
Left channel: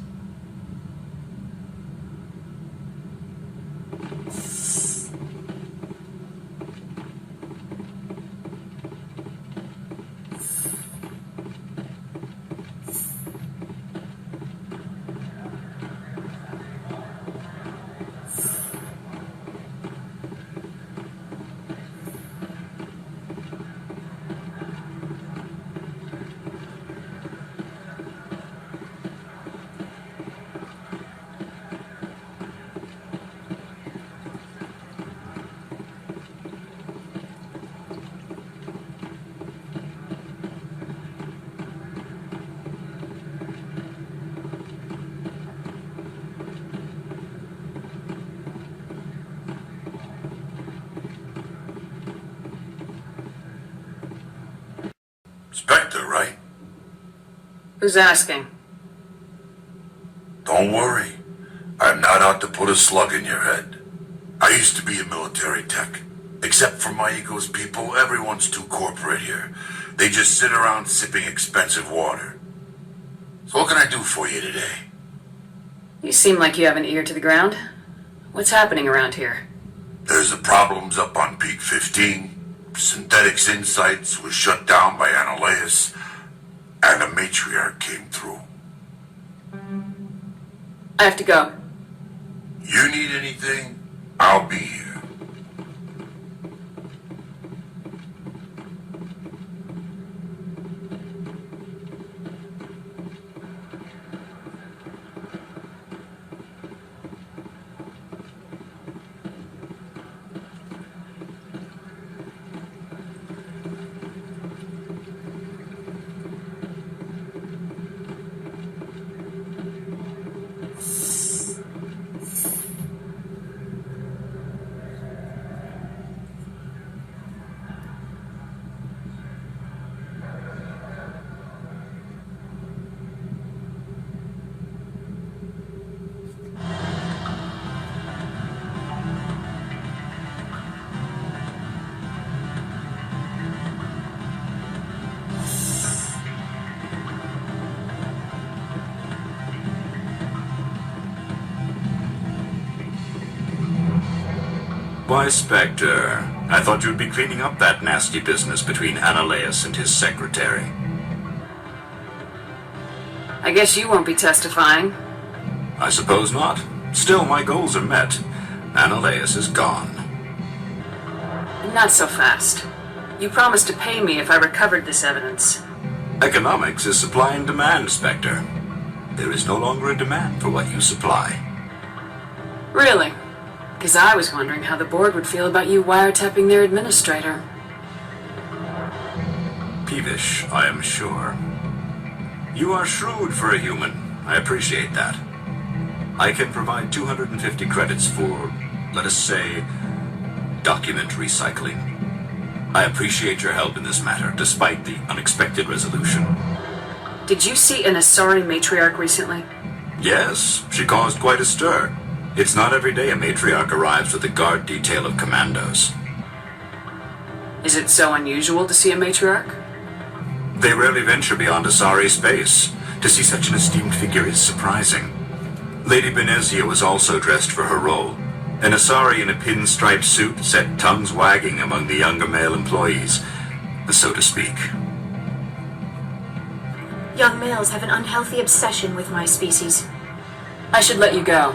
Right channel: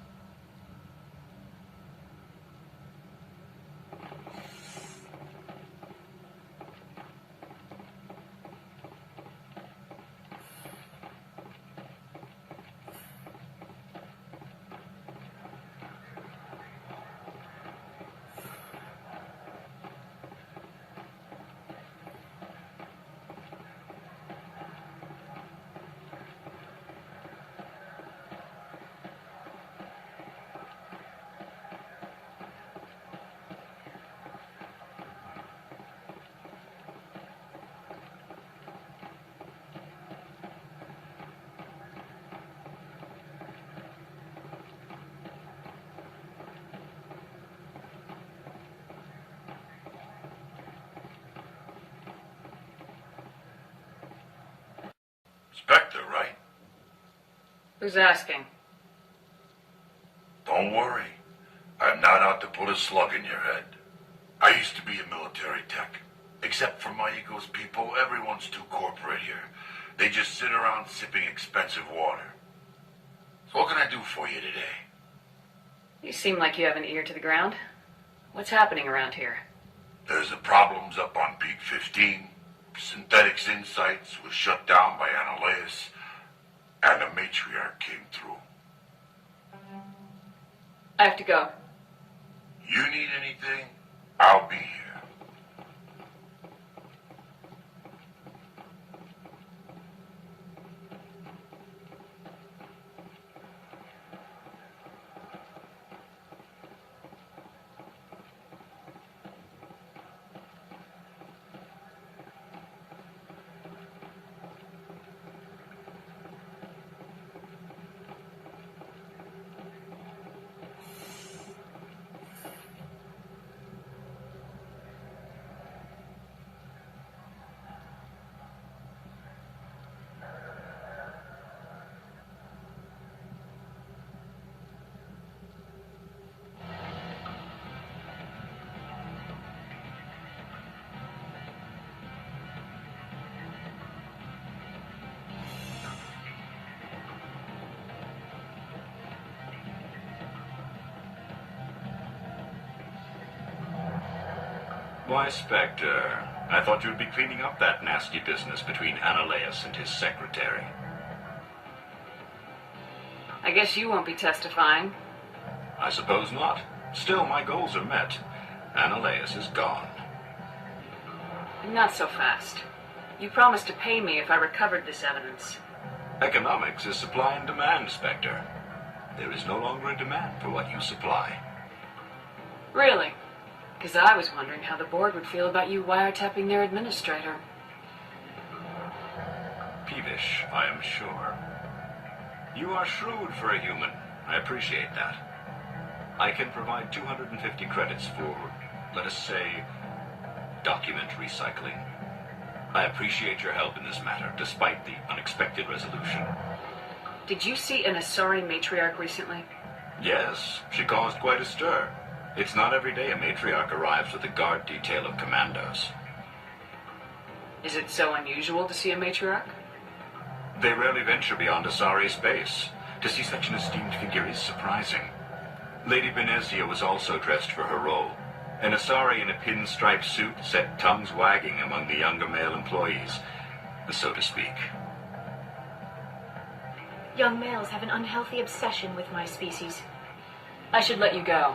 Spectre, right? Who's asking? Don't worry. I'm not out to put a slug in your head. I used to be a military tech. Except for my ego's people, everyone's too corporate here. They just sit around sipping expensive water. So what can I do for you today? You seem like you have an ear to the ground. What's happening around here? There's the problems up on Peak 15. Synthetics Insights was shut down by Analyus, and a matriarch came through. I have to go. You need anything, I'll be here. Why, Spectre, I thought you'd be cleaning up that nasty business between Ananias and his secretary. I guess you won't be testifying. I suppose not. Still, my goals are met. Ananias is gone. Not so fast. You promised to pay me if I recovered this evidence. Economics is supply and demand, Spectre. There is no longer a demand for what you supply. Really? Because I was wondering how the board would feel about you wiretapping their administrator. Peevish, I am sure. You are shrewd for a human. I appreciate that. I can provide 250 credits for, let us say, document recycling. I appreciate your help in this matter, despite the unexpected resolution. Did you see an Asari matriarch recently? Yes, she caused quite a stir. It's not every day a matriarch arrives with a guard detail of commandos. Is it so unusual to see a matriarch? They rarely venture beyond Asari space. To see such an esteemed figure is surprising. Lady Benezia was also dressed for her role. An Asari in a pinstripe suit set tongues wagging among the younger male employees, so to speak. Young males have an unhealthy obsession with my species. I should let you go.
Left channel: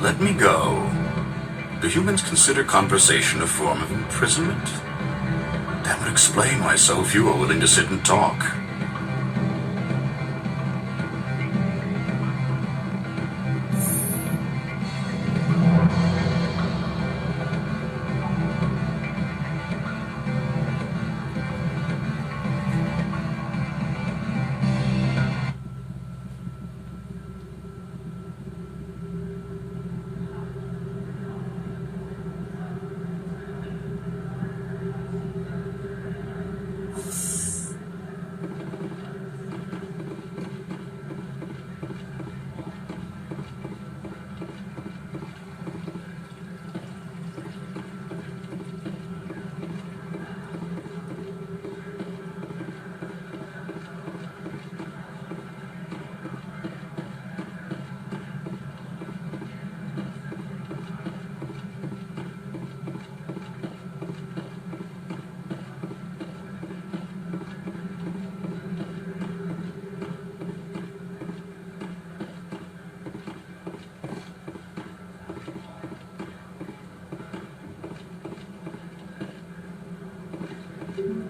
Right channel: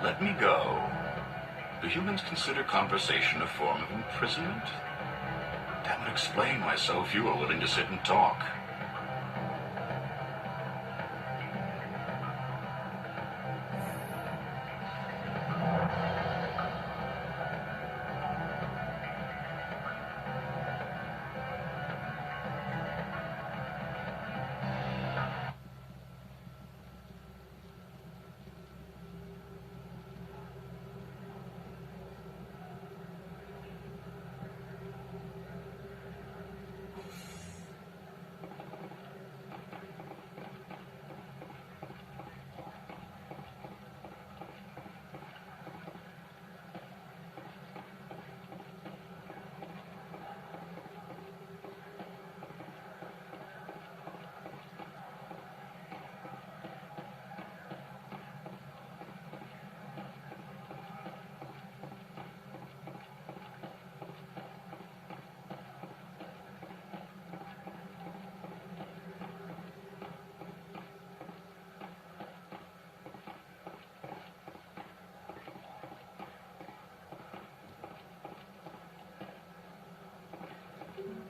Let me go. Do humans consider conversation a form of imprisonment? That would explain why so few are willing to sit and talk.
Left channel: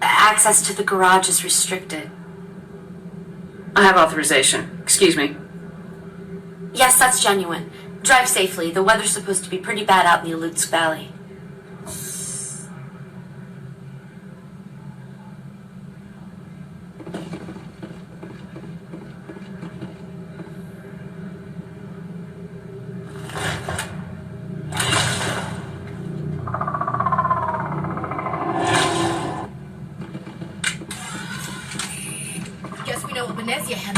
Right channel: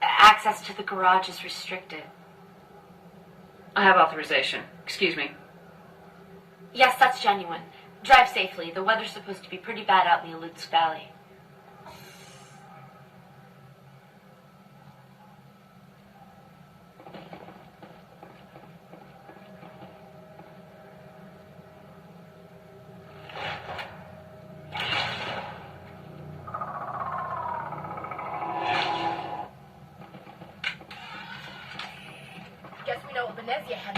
Access to the garage is restricted. I have authorization. Excuse me. Yes, that's genuine. Drive safely. The weather's supposed to be pretty bad out in the Alutsk Valley. Guess we know what Benezia had.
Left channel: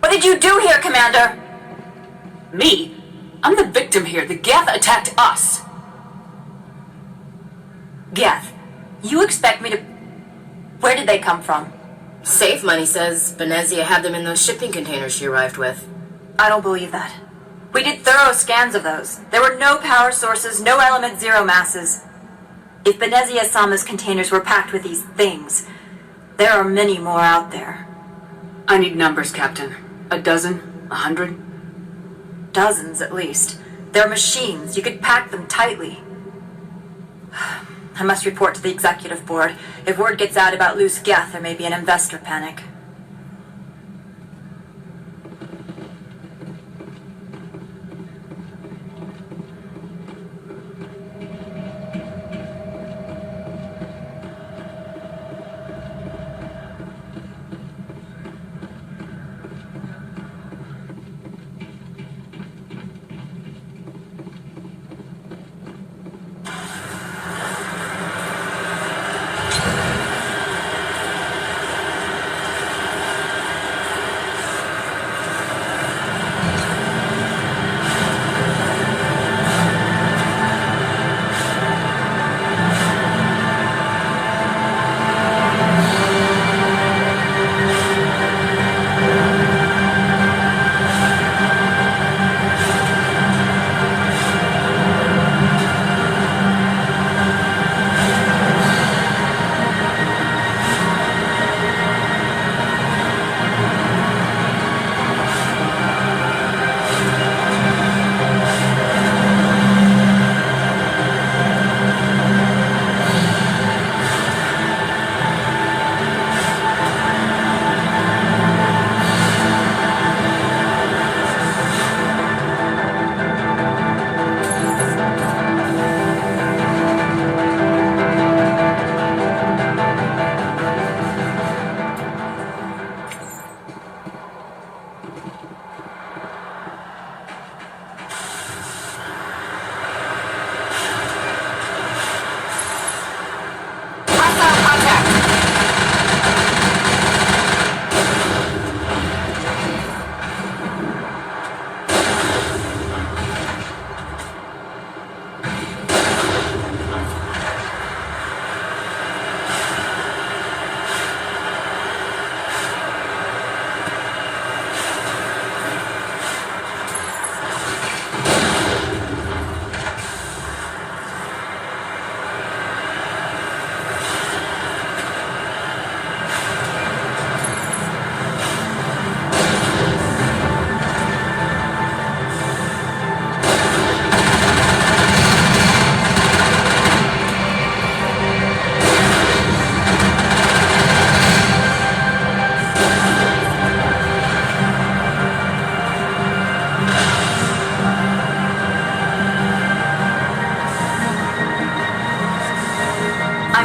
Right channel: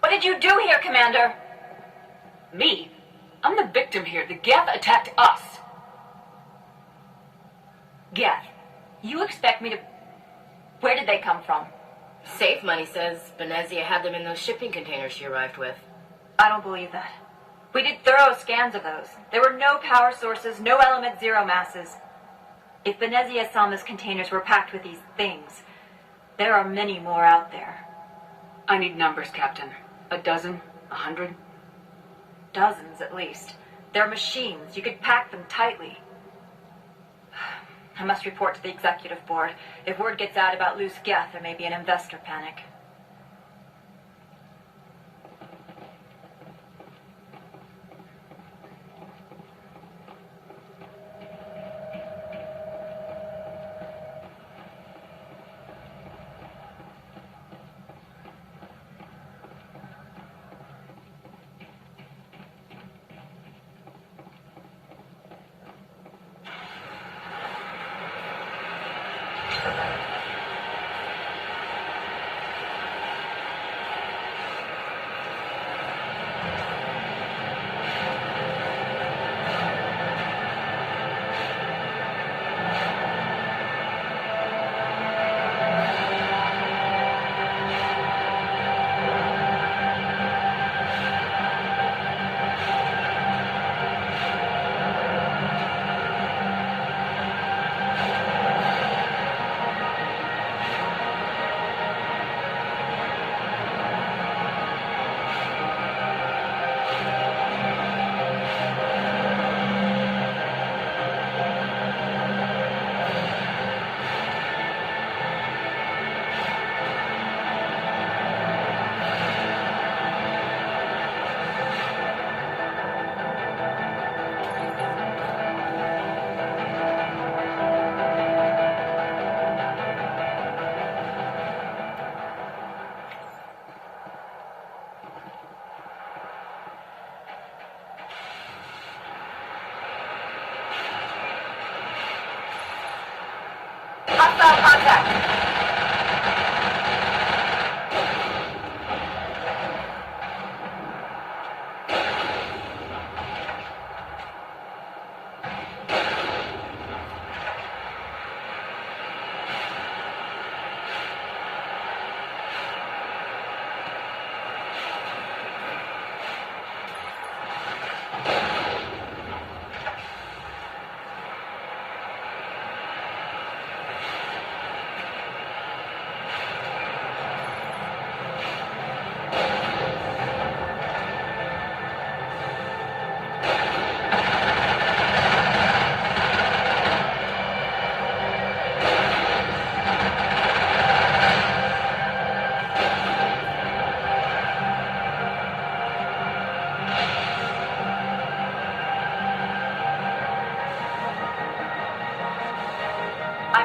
What did you do here, Commander? Me? I'm the victim here. The Geth attacked us. Geth, you expect me to... Where did they come from? Safe Money says Benezia had them in those shipping containers she arrived with. I don't believe that. We did thorough scans of those. There were no power sources, no element zero masses. If Benezia-sama's containers were packed with these things, there are many more out there. I need numbers, Captain. A dozen? 100? Dozens, at least. They're machines. You could pack them tightly. I must report to the executive board. If word gets out about loose Geth, there may be an investor panic.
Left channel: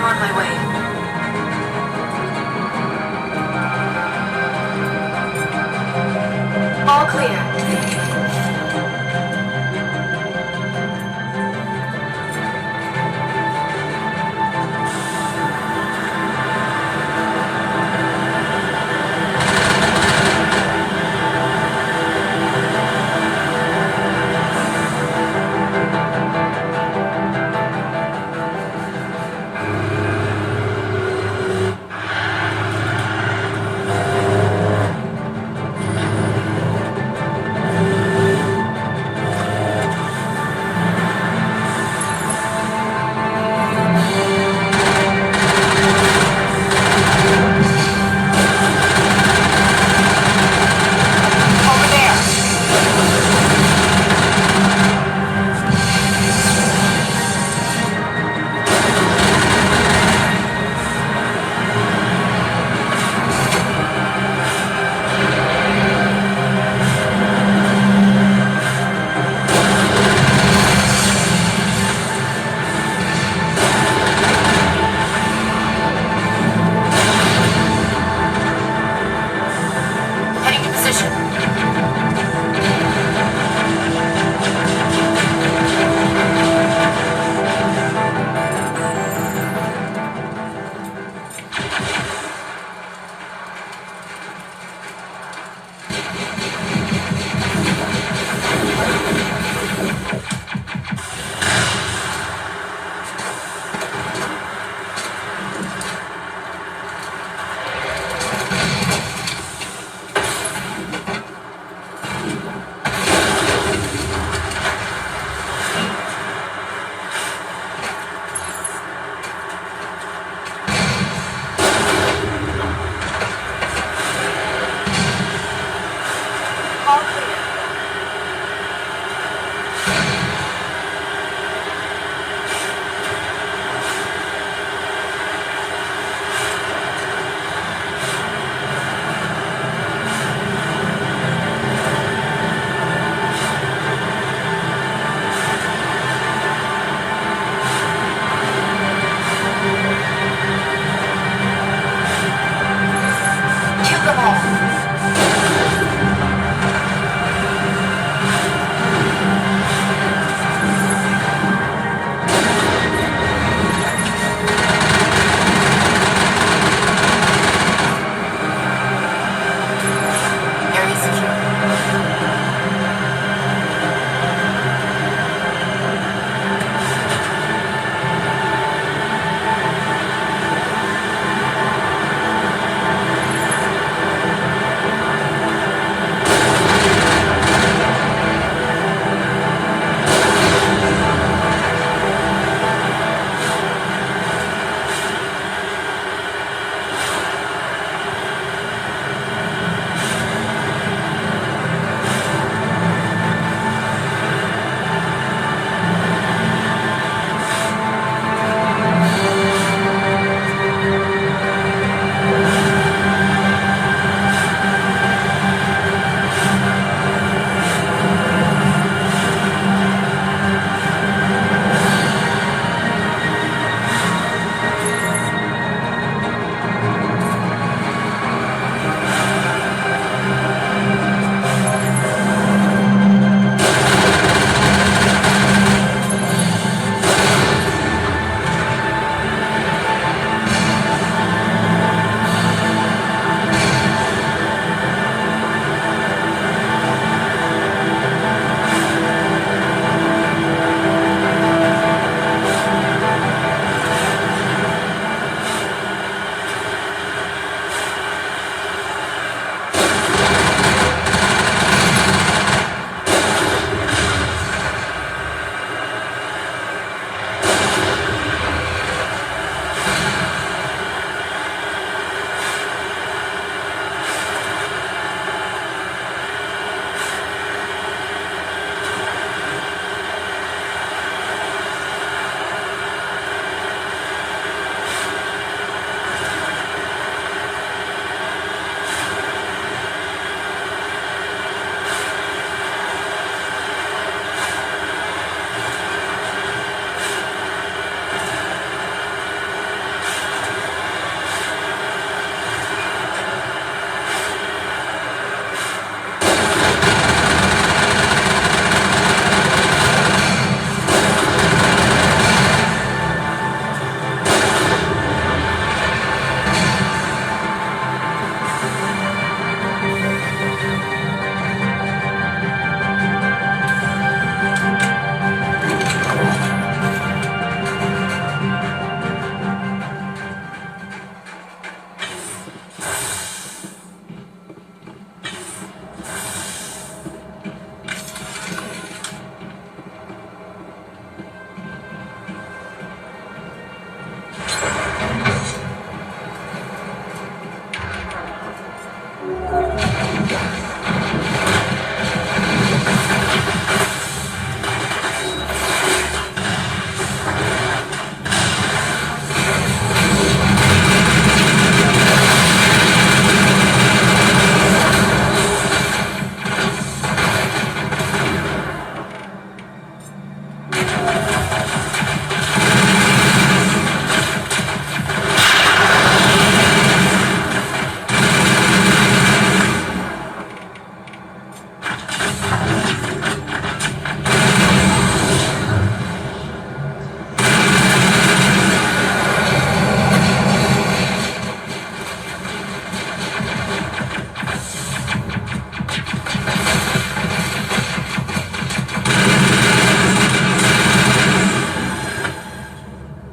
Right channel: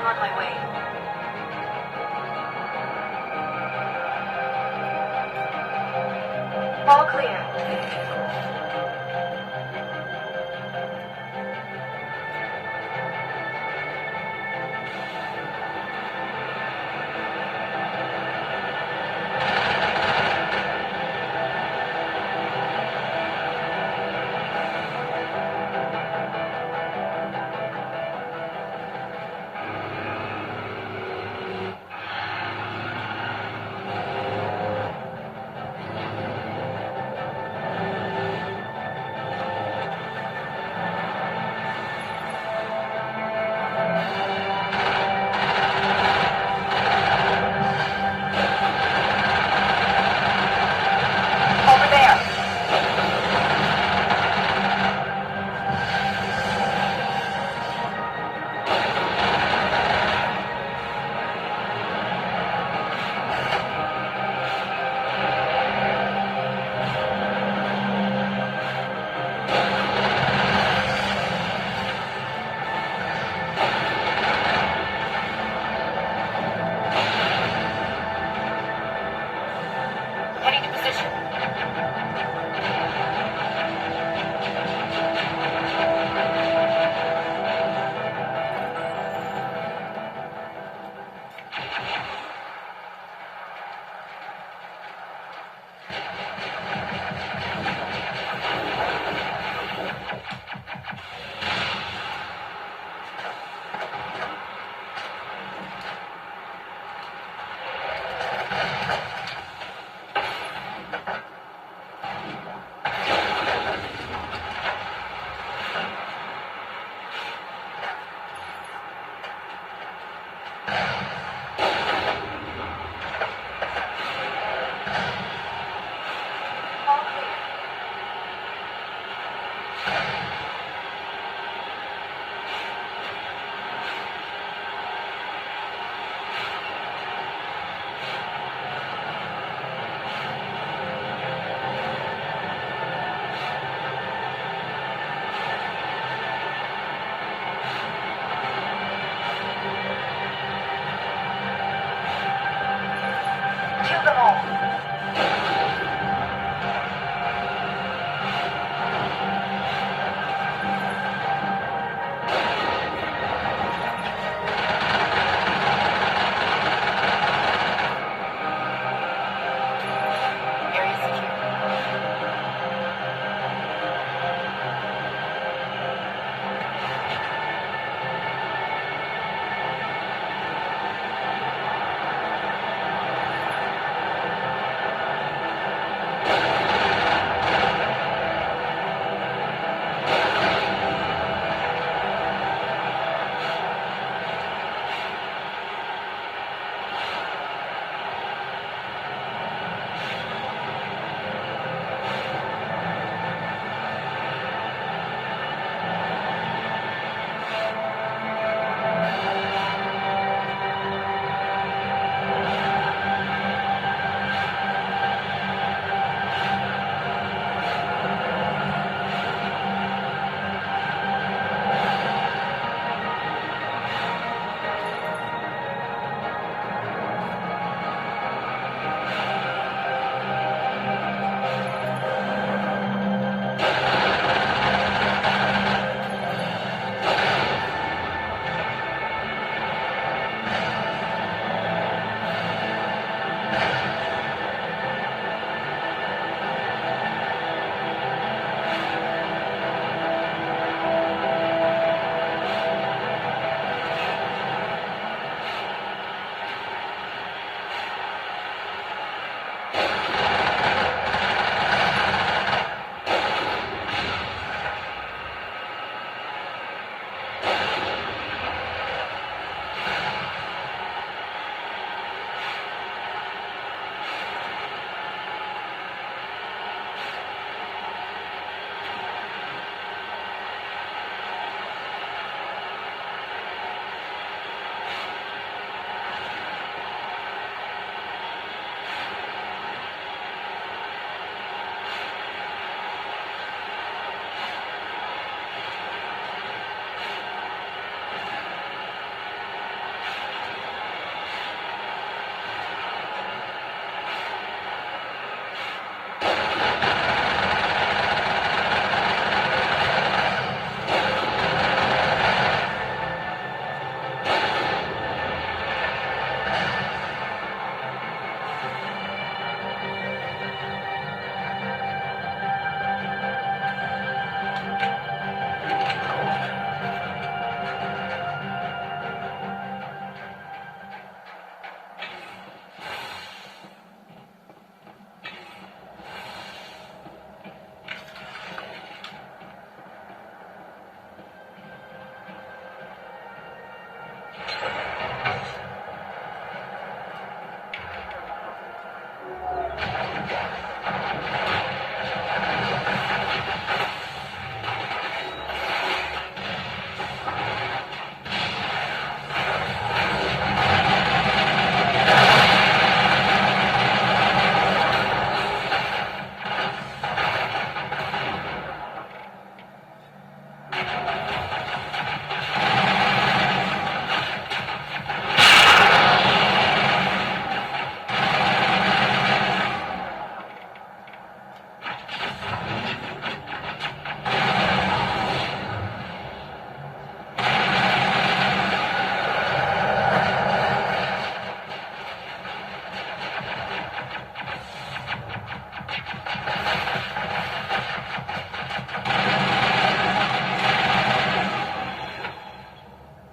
on my way. All clear.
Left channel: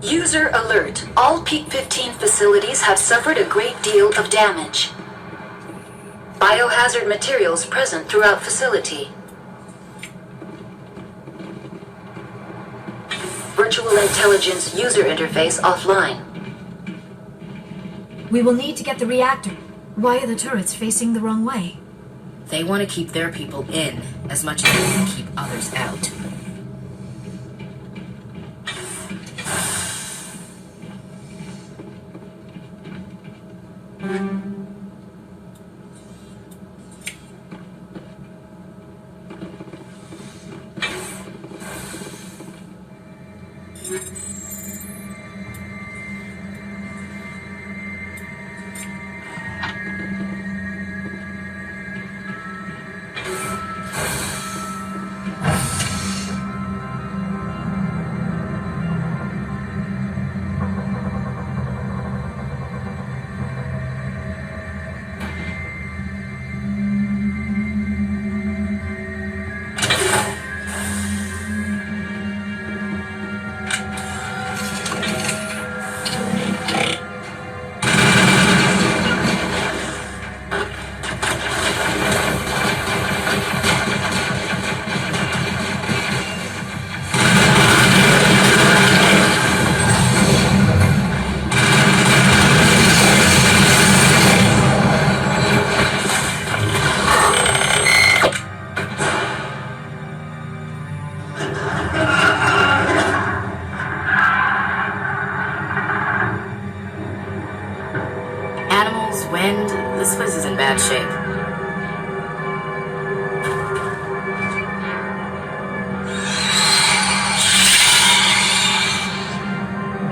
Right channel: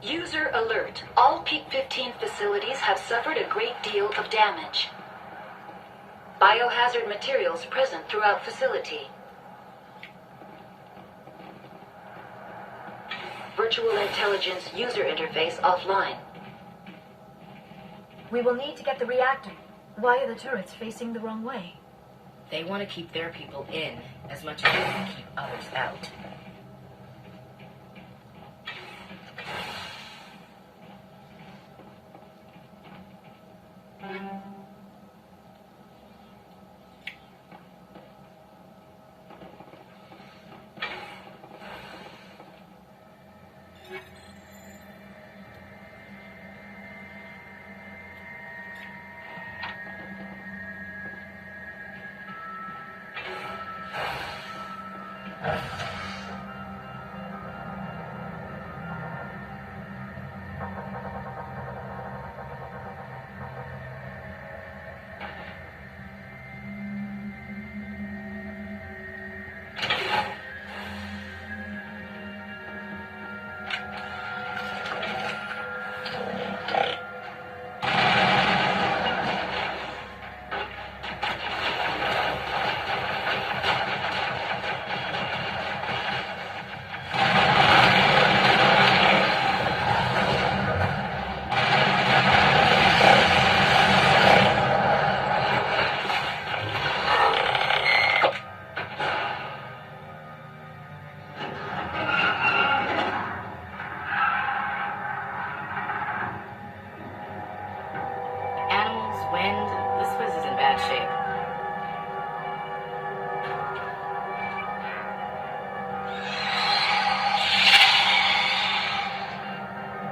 User alert. All Peak 15 facilities have suffered a great deal of damage. Biohazard materials present throughout facility. Virtual intelligence user interface offline. We will need to get the reactor. Why are the turrets facing the wrong way? They want to keep their people in as much as they want to keep others out. Wind, this place is in bad shape.